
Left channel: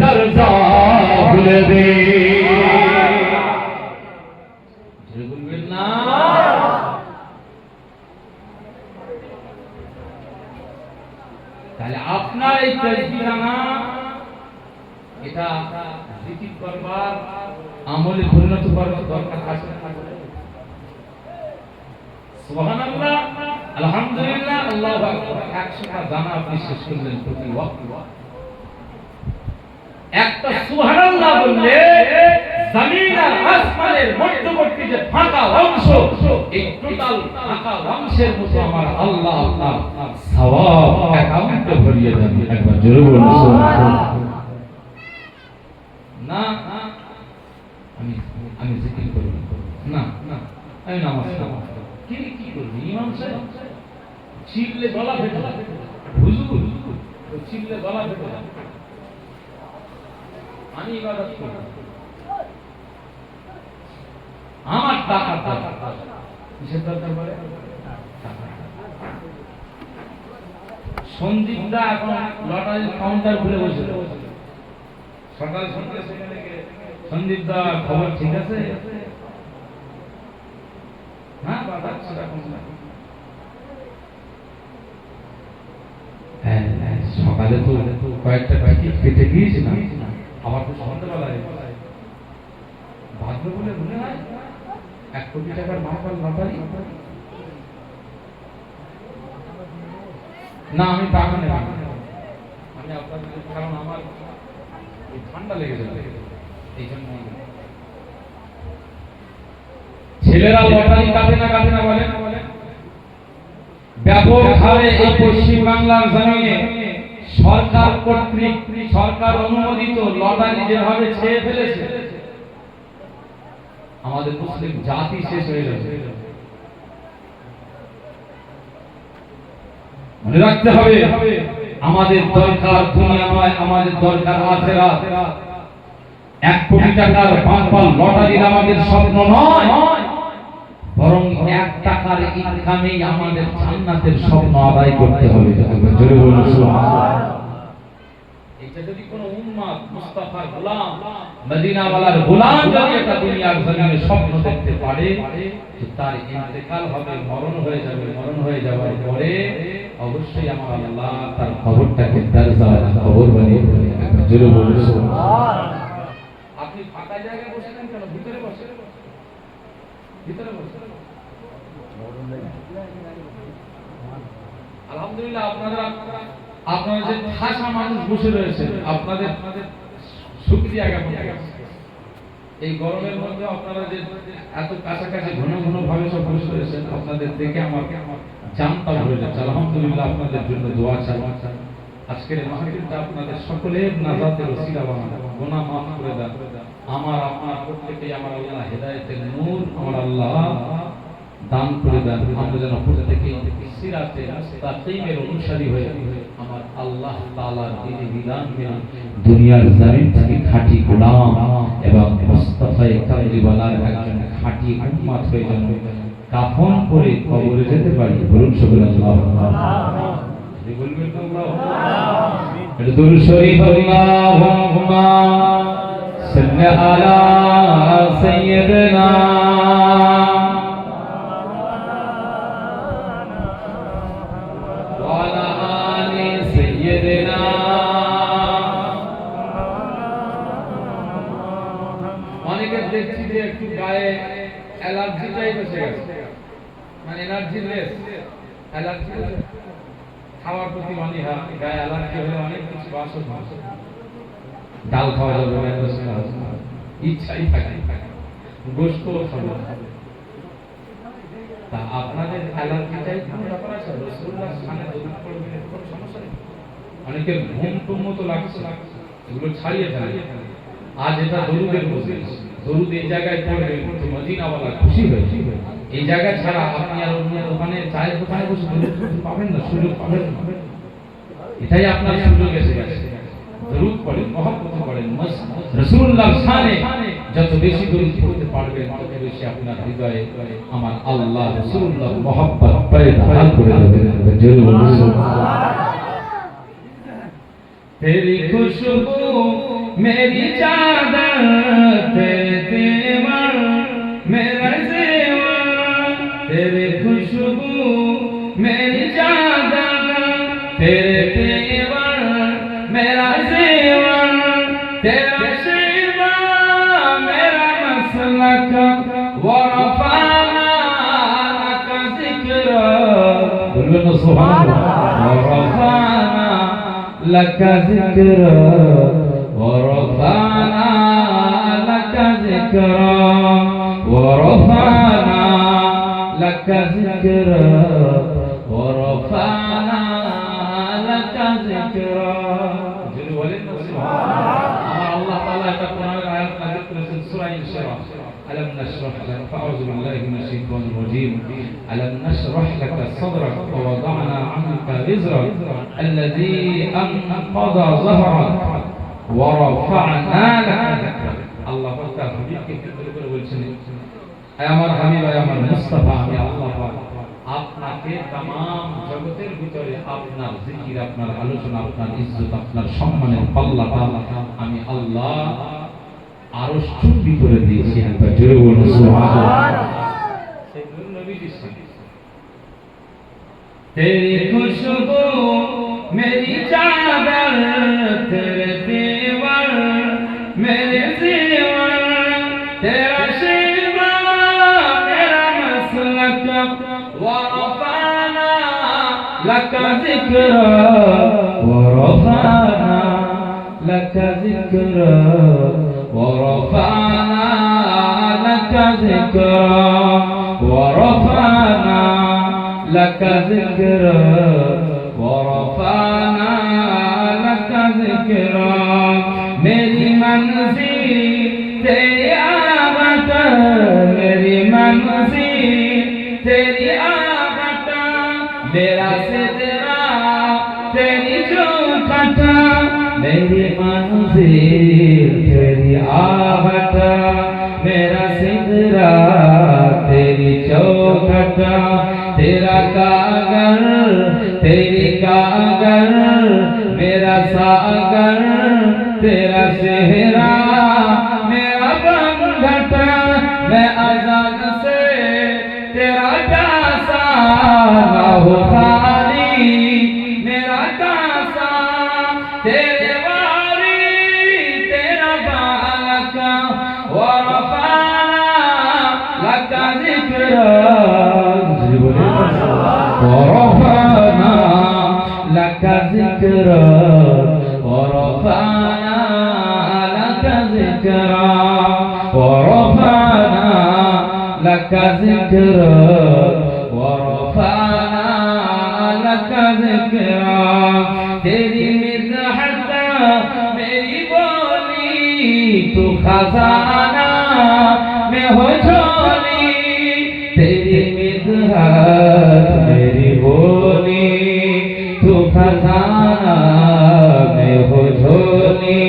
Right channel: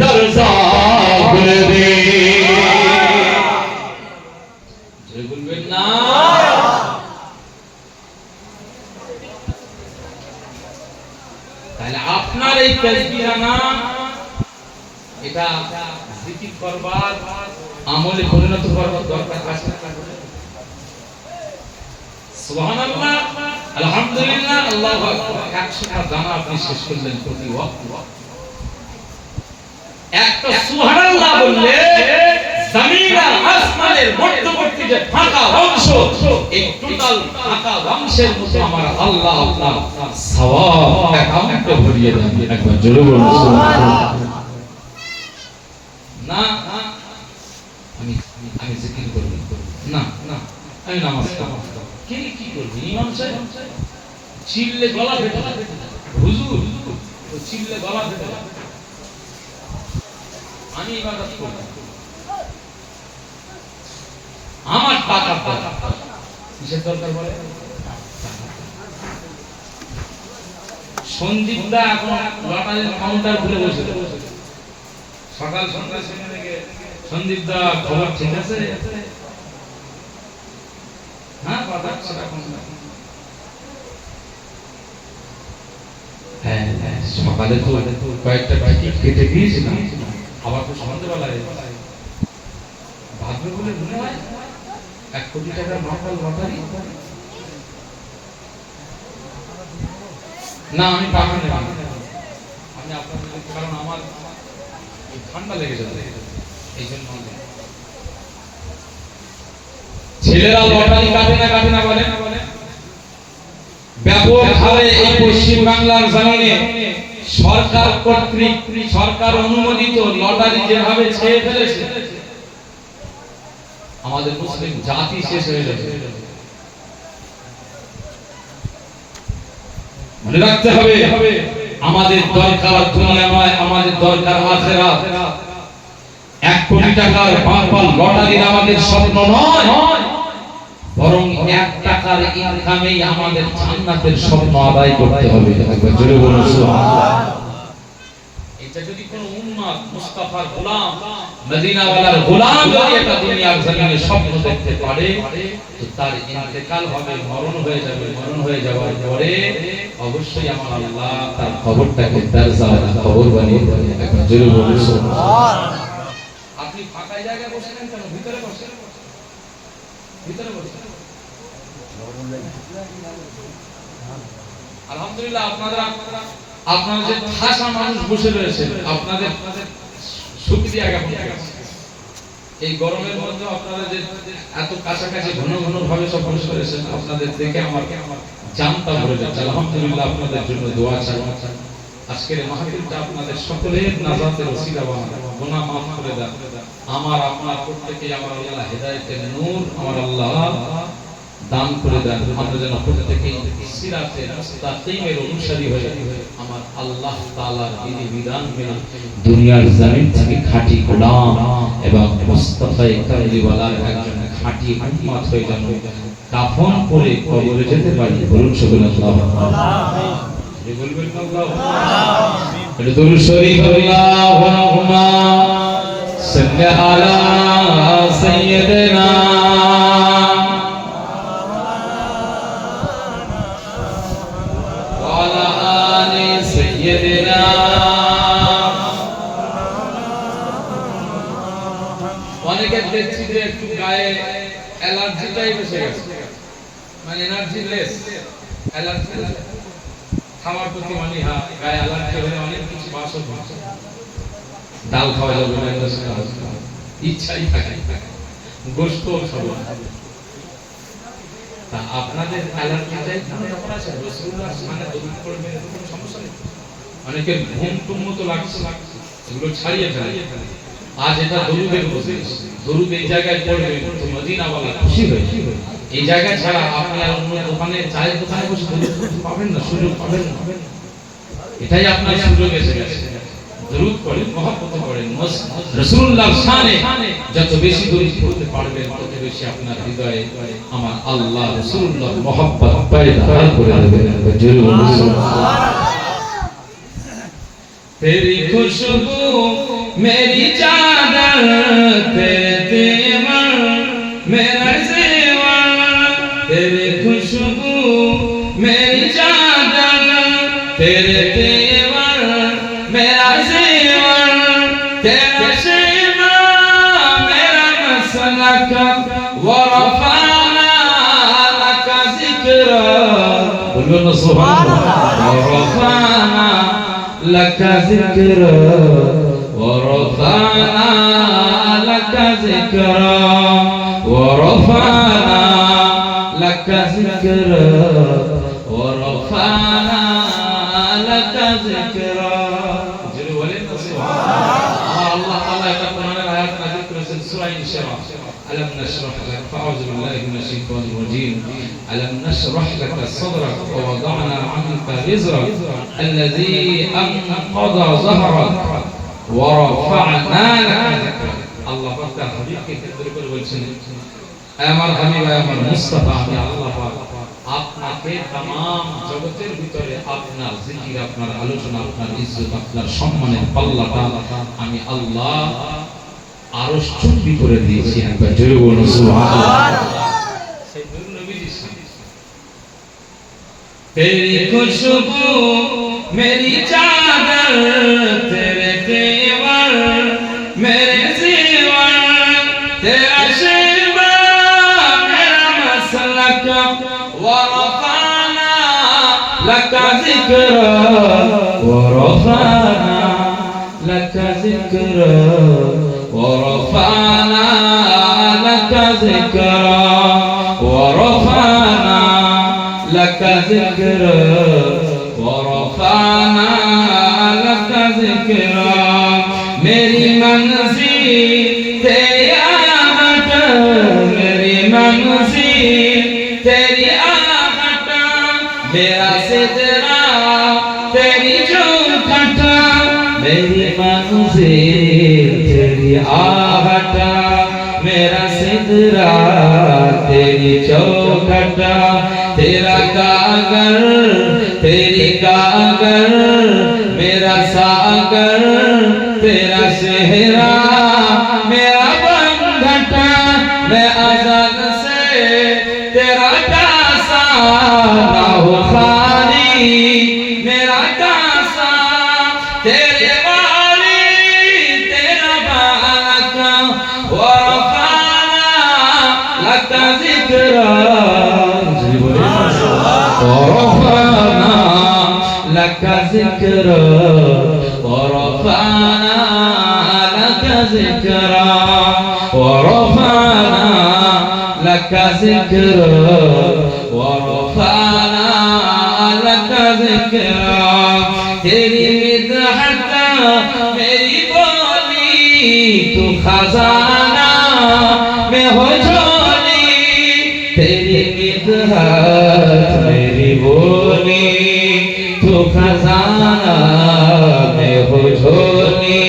দরজা করে দেই যে বলবেন না তাহলে আপনার এই তাসবিহ না এটা জিকির করবার আমলে পরিণত করবার দরকার আছে না সুবহানাল্লাহ আলহামদুলিল্লাহ আল্লাহু আকবার 100 টা দানা আপনি শেষ করলেন প্রতি ওয়াক্ত একটা সুবহানাল্লাহ বললে জমিন আর আসমানের মধ্যবর্তী যে ফাঁকা অংশ এই টোটাল ফাঁকা অংশের মতো আমার আল্লাহ আপনার সওয়াব অ্যাকাউন্ট ভরিয়ে দেন একবার জোরে বলুন সুবহানাল্লাহ না আমি জিকির করব না না আমি নামাজ পড়ব কি করবি ইমাম সাহেব চিল্লে গলা ফেটে যাবে হুজুর ও চিল্লে গলা ফেটে যাবে আমি ইবাদত করব আমার টাকা দরকার কিসের দরকার বলে সন্দীপ দা এখন লটারির কাউন্টার খুলে বসে সকাল সন্ধ্যা সেখানে গিয়ে সন্দীপ দা খবর ঠিক আছে হ্যাঁ বাবা সেটা কোন হ্যাঁ সকালে তো কয়েকটা টিকিট কেটে গিয়েছিলাম আবার তো সন্ধ্যাবেলায় ভাগ্য বলে মনে হয় 1 কোটি টাকা নকল লটারি না আমি পাবো না আমি আপনাদের কারণ আমার ঠান্ডা লেগেছে এই জন্য ছেলেরা লটারি কাটে না বলে ব্যাপক হারে এই পশ্চিম বাংলার জমিনে সরকার কর্তৃক সরকার অনুমোদিত লটারি যেভাবে ছেড়ে ফেলেছে আমাদের মুসলিম জাতি শেষ হয়ে যাবে মনে রাখতে হবে আমাদের দরকার দুনিয়া নয় আমাদের দরকার আখিরাত 1 কোটি টাকার পাম্পাল লটারির আমাদের স্বপ্ন নয় বরং 1 টাকার ইনকামেই আমাদের জান্নাতের স্বপ্ন আদায় করতে হবে একবার জোরে বলুন সুবহানাল্লাহ এই এটা যদি কোনো উম্মত মুস্তাফার গোলাম মদিনাওয়ালার গোলাম যদি এটা দুনিয়ার জমিনে স্বপ্ন দেখতে পারে তো তার ইন্তেকাল হবে, মরণ হয়ে যাবে। মরণ হয়ে যাওয়ার পরে অবশ্যই আমার আল্লাহ তার খবরটাকে দরজাওয়ালা খবর বানিয়ে দেবে। একবার জোরে বলুন সুবহানাল্লাহ। আপনি ফাঁকা জায়গায় বসেছেন কেন? ভিতরে বসেন, ভিতরে বসেন। আলহামদুলিল্লাহ আপনারা যে ঠাসা মানুষ বসে রয়েছেন, আপনাদের শুকরিয়া জ্ঞাপন করছি। এই গরমের মধ্যে আপনারা যে এত কাছাকাছি ঘন ঘন ভাবে সব বসে রয়েছেন, আপনাদের দেখে আমার জানতা ভরে যাচ্ছে। আলহামদুলিল্লাহ আপনাদের জন্য দোয়া চাই। আজকের মাহফিলটা আপনাদের সকলের নাজাতের ওসিলা বানান, গুনাহ মাফ করে দেন। আমার আপনার প্রত্যেককে আমার আল্লাহ হেদায়েতের নূর আমার আল্লাহ দান করে দেন। আমরা যেন প্রত্যেককে সিরাতে মুস্তাকিমের অনুসারী হয়ে আমার আল্লাহ তাআলার বিধি বিধান মেনে দুনিয়ার জমিন থেকে খাঁটি গোলাম এবং মুস্তাফায়ে কামলিওয়ালার একজন খাঁটি উম্মত হয়ে যেন কাফন পরে কবরে যেতে পারি। বলুন সুবহানাল্লাহ। আমিন। বলবেন আল্লাহ আমিন। এটা দুরূদ শরীফ আল্লাহুম্মা সাল্লি আলা সাইয়্যিদিনা অনেকে দেখছি যে একটু গায়ে অ্যালার্জিটাই বসে গেছে, মানে এনার্জি লেস, অ্যালার্জি খাওয়ার প্রতি মানে গায়ে অ্যালার্জি হলে অনেক কিছু বাসক ডাল খাওয়া যাবে না, ইচ্ছাই থাকে গোশত খাবো। তা আপনাদের অ্যালার্জিটাই কোনো ব্যাপার আছে? রাসূলুল্লাহর সামনে দরুদ পড়বেন, কোনো সমস্যা নেই। অনেকে ঘুম টুম মতো লাগছে, এগুলো ছাড়িয়ে ফেলে। আজ এটা দরুদের মজলিস, দরুদ এই জায়গায় পড়বে মদিনাওয়ালা খুশি হয়ে। এই জায়গা ছাড়া আপনি আর অন্য দোকানে, চায়ের দোকানে বসে দরুদ পাবেন না, সুযোগ পাবেন না। এটাই আপনার সুযোগ এসে গেছে। দরুদ পড়েন, মহব্বত করেন, রাসূলুল্লাহর শানে যত বেশি দরুদ পড়তে পারবেন তত বেশি আপনার হৃদয়ে আমার আল্লাহ রাসূলুল্লাহর মহব্বত পয়দা করে দেবেন। জোরে বলুন সুবহানাল্লাহ। तेरी खुशबू मेरी चादर, तेरे तेवर मेरा ज़ेवर, तेरी खुशबू मेरी चादर, तेरे तेवर मेरा ज़ेवर, तेरा शिवा मेरा मसलक, वरफ़अना लका ज़िक्रा, बोलो सुभान अल्लाह। لك ذكرى ورفعنا لك ذكرى ورفعنا لك ذكرى ورفعنا لك ذكرى। جل ولله سبحان الله تعالى এটা কোরআনের আয়াত নাযিল করেছেন সূরা ইনশিরাহ। ألم نشرح لك، فأعوذ بالله من الشيطان الرجيم، ألم نشرح لك صدرك ووضعنا عنك وزرك الذي أنقض ظهرك ورفعنا لك ذكرك। الله পাক তার হাবিবকে কেন্দ্র করে বলছেন, আমার হাবিব আমার মুস্তাফা আমি আল্লাহ পাক আপনাকে तमाम জগতের ভিতরে আপনার জিকির, আপনার আলোচনা, আপনার ইজ্জত, আপনার সম্মানের পাল্লাটা আমি আল্লাহ আরশ চুম্বি করে দিয়েছি। একবার জোরে বলুন সুবহানাল্লাহ। সেই নূর নবীজির সাথে तेरी खुशबू मेरी चादर, तेरे तेवर मेरे ज़ेवर, तेरा शिवा मेरा मसलक, वरफ़अना लका ज़िक्रा वरफ़अना लका ज़िक्रा ورفعنا لك ذكرا ورفعنا لك ذكرا ورفعنا لك ذكرا। मेरी मंज़िल तेरी आहट, मेरी मंज़िल तेरी आहट, मेरा सिदरा तेरी चौखटा, मेरी मंज़िल तेरी आहट, मेरा सिदरा तेरी चौखटा, तेरा गागर तेरी गागर, मेरा सागर ذكرا ورفعنا لك ذكرا ورفعنا لك ذكرا ورفعنا لك ذكرا तेरी मिदहत मेरी बोली तू खजाना में हो झोली तेरी मिदहत मेरी बोली तू खजाना में हो झोली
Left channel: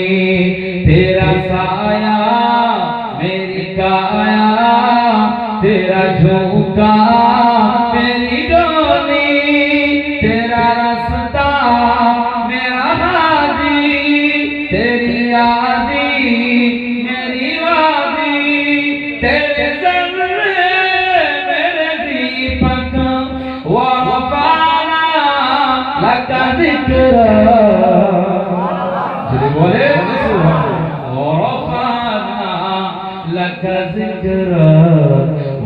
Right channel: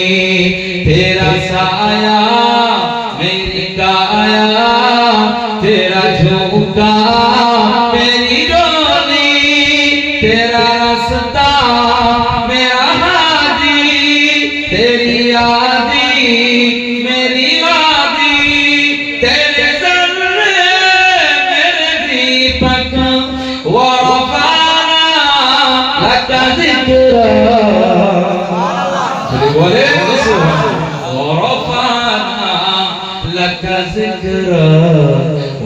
तेरा साया मेरी काया तेरा झुका मेरी डोली तेरा रास्ता मेरा हादी तेरी यादी मेरी वादी तेरे ज़र्रे मेरे दीपक वरफ़अना लक ज़िक्रा बोले वरफ़अना लक ज़िक्रा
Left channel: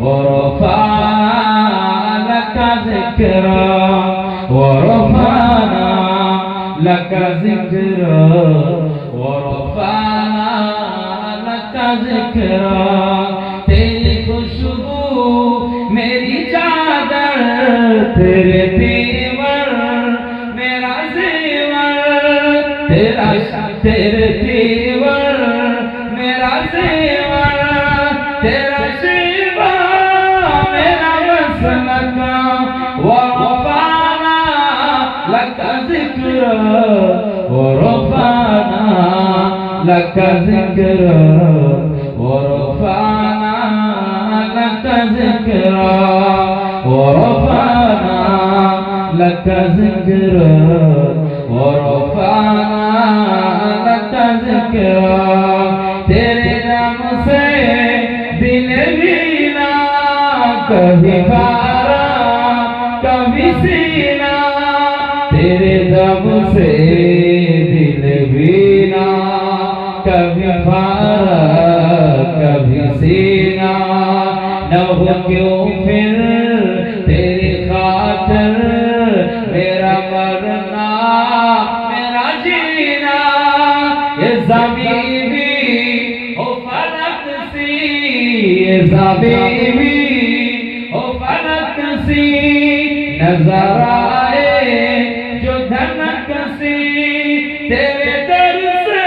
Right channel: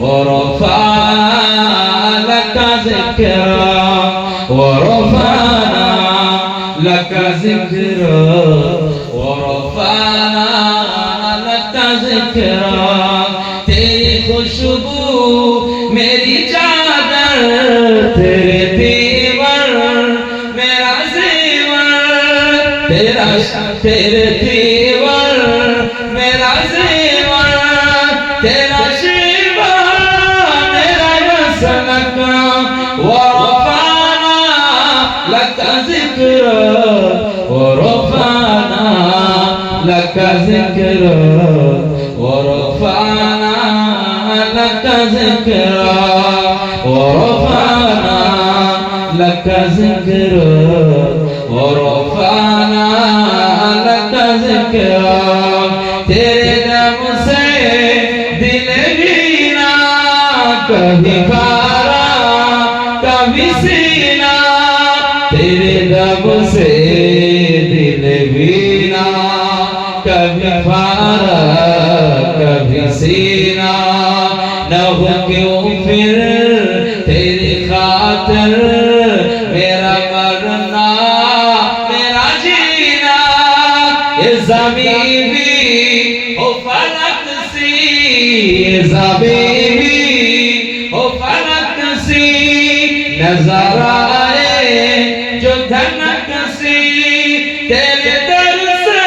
ورفعنا لك ذكرا ورفعنا لك ذكرا ورفعنا لك ذكرا तेरी खुशबू मेरी चादर तेरे दीवार मेरा ज़ेवर तेरे दीवार मेरा ज़ेवर तेरा ورفعنا لك ذكرا ورفعنا لك ذكرا ورفعنا لك ذكرا ورفعنا لك ذكرا ورفعنا لك ذكرا तेरे नाम से दिल वीरा कभी खारा कभी सीना तेरे दम से दिल बीना कभी फारा कभी सीना न हो क्यों फिर तेरी खातिर मेरा मरना मेरा जीना ये ज़मीं भी हो फलक सी ये ज़मीं भी हो फलक सी नजर आए जो धनक सी तेरे दर से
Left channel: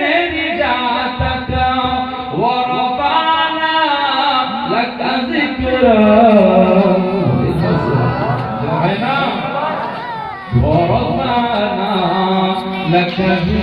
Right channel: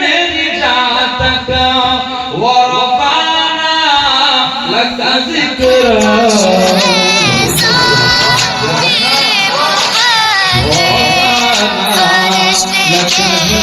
मेरी जान तक वरफ़अना लक ज़िक्रा वरफ़अना लक